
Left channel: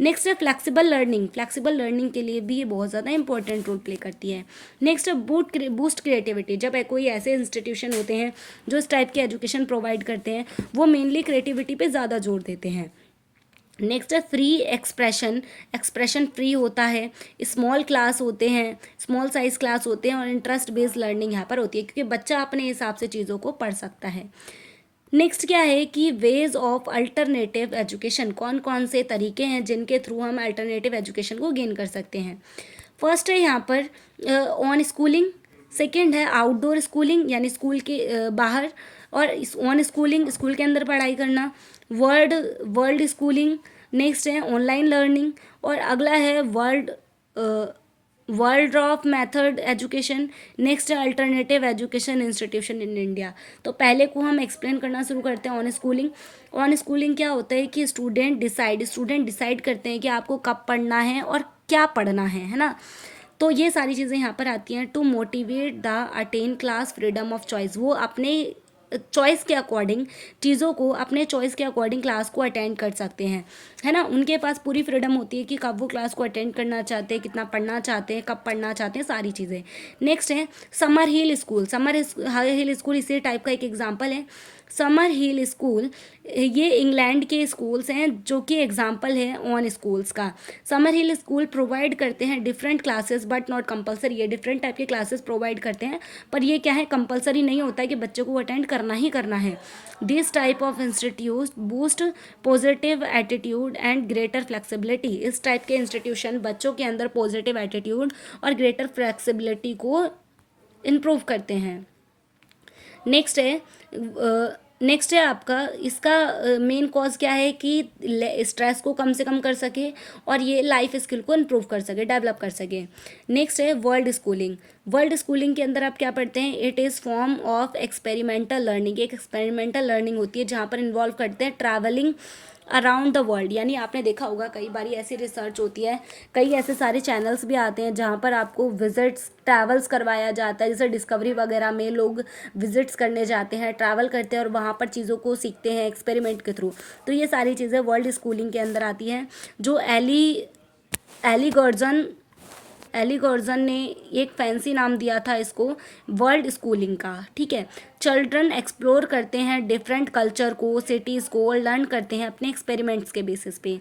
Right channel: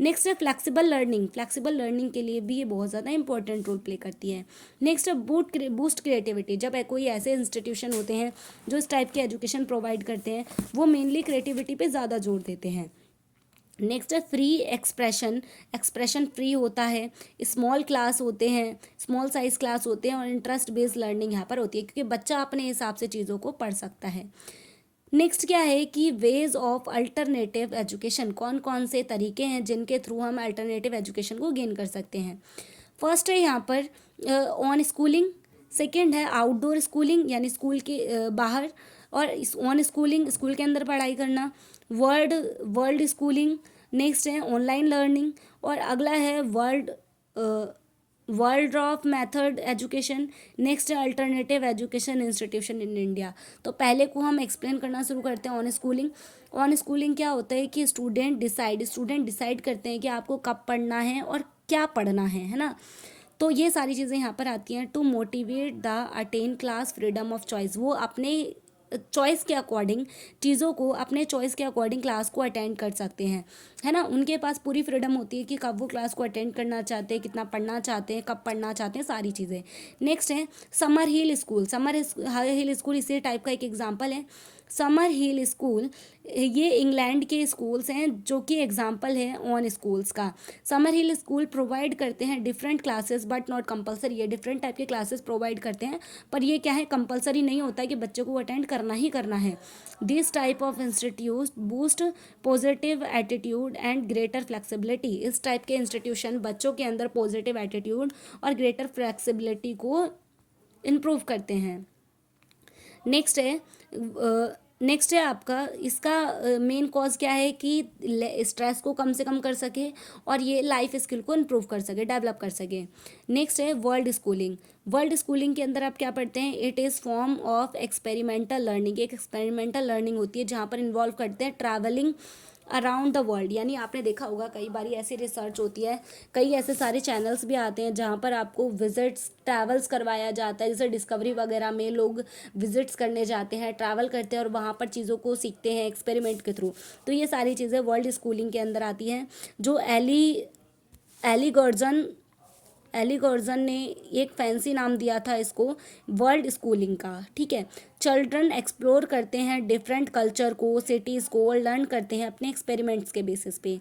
नेक्स्ट है फ्लेक्सिबल लर्निंग, फ्लेक्सिबल लर्निंग के लिए भी ये बहुत ज़्यादा इंपॉर्टेंट रोल प्ले करती है। नेक्स्ट है बूस्ट क्रिएटिविटी, जब कोई ऐसे इंस्टीट्यूशन होते हैं जो इस टाइप के एजुकेशन प्रोवाइड करते हैं, वो मेनली क्रिएटिविटी पे ज़्यादा जोर देते हैं। नेक्स्ट है फ्री एक्सप्रेशन फ्री होता है, स्मॉल क्लास होते हैं, स्मॉल साइज क्लास होते हैं, और इंटरेस्ट बेस्ड लर्निंग यहाँ पर होती है, क्योंकि बच्चा अपने हिसाब से चीज़ों को पढ़ सकता है। नेक्स्ट क्या है कि वेज ऑफ अल्टरनेटिव एजुकेशन, कौन कौन से तरीके हैं जिनके थ्रू हम अल्टरनेटिव एजुकेशन को गेन कर सकते हैं। फर्स्ट है यहाँ पर ऑन स्कूलिंग, सेकेंड है आउटडोर स्कूलिंग, यानी स्कूल के बाहर, और ऑन स्कूलिंग स्कूल के अंदर पढ़ाई करना, वर्ल्ड स्कूलिंग, नेक्स्ट है ऑनलाइन लर्निंग, और अगला है world of method education, next है alternative education institution in India. तो पहले को हम एक्सप्लेन करना शुरू करते हैं। ऑन स्कूलिंग क्या होता है कि स्टूडेंट डिसाइड करते हैं कि आपको कब पढ़ना है और क्या पढ़ना है ना। तो ये सारी चीज़ें यहाँ पर आती हैं। To motivate the attend class freedom of choice, वो अपने चॉइस के अकॉर्डिंग चीज़ों को, अपने चॉइस के अकॉर्डिंग क्लास को अटेंड कर सकते हैं, है ना। उनके पास पूरी फ्रीडम होती है कि कब वो क्लास को अटेंड करना चाहते हैं, कितना पढ़ना चाहते हैं, कब पढ़ना चाहते हैं, सारी चीज़ें। नेक्स्ट है समर हिल स्कूल इसी टाइप का एक एग्जाम्पल है। समर हिल स्कूल, ये इंग्लैंड के स्कूल्स हैं जो कि एग्जाम्पल है ऑन स्कूल्स का। समर हिल स्कूल प्रोवाइड करते हैं different classes but not compulsory, ये डिफरेंट टाइप के क्लासेस प्रोवाइड करते हैं, पर ये क्या है, कंपलसरी नहीं होता है कि बच्चों को अटेंड करना ही करना है। This type of institute boost positive attitude and greater flexibility, इस टाइप के इंस्टीट्यूशन बच्चों के अंदर पॉजिटिव एटीट्यूड और ग्रेटर फ्लेक्सिबिलिटी को इम्प्रूव करते हैं। नेक्स्ट है नेक्स्ट है आपका, इसका मेन कॉज क्या है कि स्ट्रेस को कम से कम कर सके और ये लाइफ स्किल को इम्प्रूव कर सके, डेवलप कर सके। नेक्स्ट है वर्ल्ड स्कूलिंग। वर्ल्ड स्कूलिंग के अंदर आप क्या पढ़ते हैं, it is form of experimental learning. एक एक्सपेरिमेंटल लर्निंग होती है जहाँ पर इन्वॉल्व करते हैं ट्रैवलिंग अराउंड द वर्ल्ड। यानी आपने देखा होगा कई बार ऐसी रिसर्च होती है, कई ऐसे सारे चैनल्स भी आते हैं जहाँ पर आपको विजिट्स, ट्रैवल्स करवाया जाता है। जैसे डिस्कवरी वगैरह में लोग विजिट्स करने जाते हैं, ट्रैवल करते हैं और वहाँ पर चीज़ों को सीखते हैं एक्सपेरिमेंट के थ्रू। तो ये सारी चीज़ें वर्ल्ड स्कूलिंग के अंदर आती हैं। जो एली गॉर्जन ने एक फैंसी नाम दिया था इसको, वर्ल्ड स्कूलिंग का। ठीक है, चिल्ड्रन एक्सप्लोर करते हैं डिफरेंट कल्चर को, सिटीज़ को, और लर्न करते हैं अपने एक्सपेरिमेंट्स के बेसिस पे।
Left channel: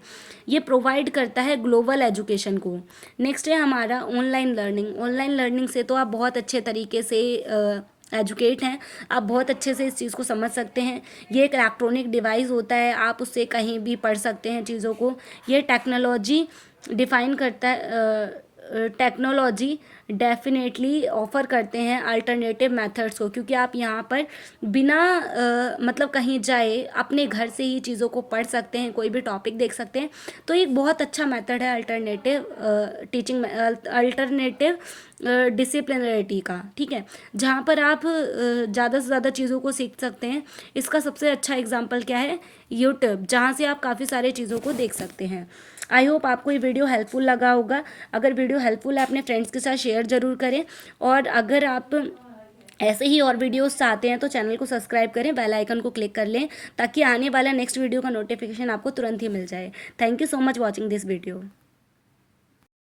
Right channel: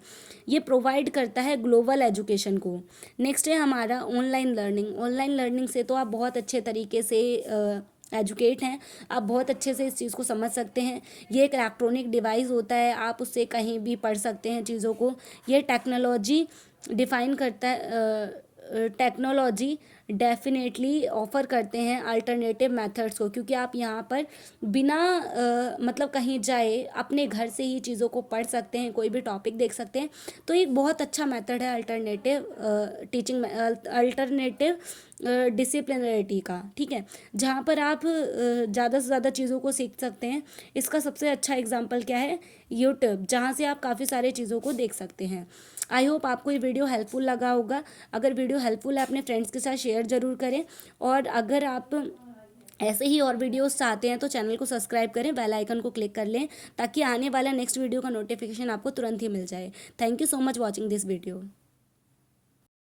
ये प्रोवाइड करता है ग्लोबल एजुकेशन को। नेक्स्ट है हमारा ऑनलाइन लर्निंग। ऑनलाइन लर्निंग से तो आप बहुत अच्छे तरीके से एजुकेट हैं, आप बहुत अच्छे से इस चीज़ को समझ सकते हैं। ये एक इलेक्ट्रॉनिक डिवाइस होता है, आप उससे कहीं भी पढ़ सकते हैं चीज़ों को। ये टेक्नोलॉजी डिफाइन करता है, टेक्नोलॉजी डेफिनेटली ऑफ़र करते हैं अल्टरनेटिव मेथड्स को, क्योंकि आप यहाँ पर बिना मतलब कहीं जाए अपने घर से ही चीज़ों को पढ़ सकते हैं, कोई भी टॉपिक देख सकते हैं। तो एक बहुत अच्छा मेथड है अल्टरनेटिव टीचिंग, अल्टरनेटिव डिसिप्लिनरिटी का। ठीक है, जहाँ पर आप ज़्यादा से ज़्यादा चीज़ों को सीख सकते हैं। इसका सबसे अच्छा एग्जाम्पल क्या है, यूट्यूब, जहाँ से आप काफ़ी सारे चीज़ों को देख सकते हैं। आई होप आपको ये वीडियो हेल्पफुल लगा होगा। अगर वीडियो हेल्पफुल है अपने फ्रेंड्स के साथ शेयर ज़रूर करें, और अगर आप ऐसे ही और वीडियोस चाहते हैं तो चैनल को सब्सक्राइब करें, बेल आइकन को क्लिक कर लें ताकि आने वाला नेक्स्ट वीडियो का नोटिफिकेशन आपको तुरंत ही मिल जाए। Thank you so much watching this video.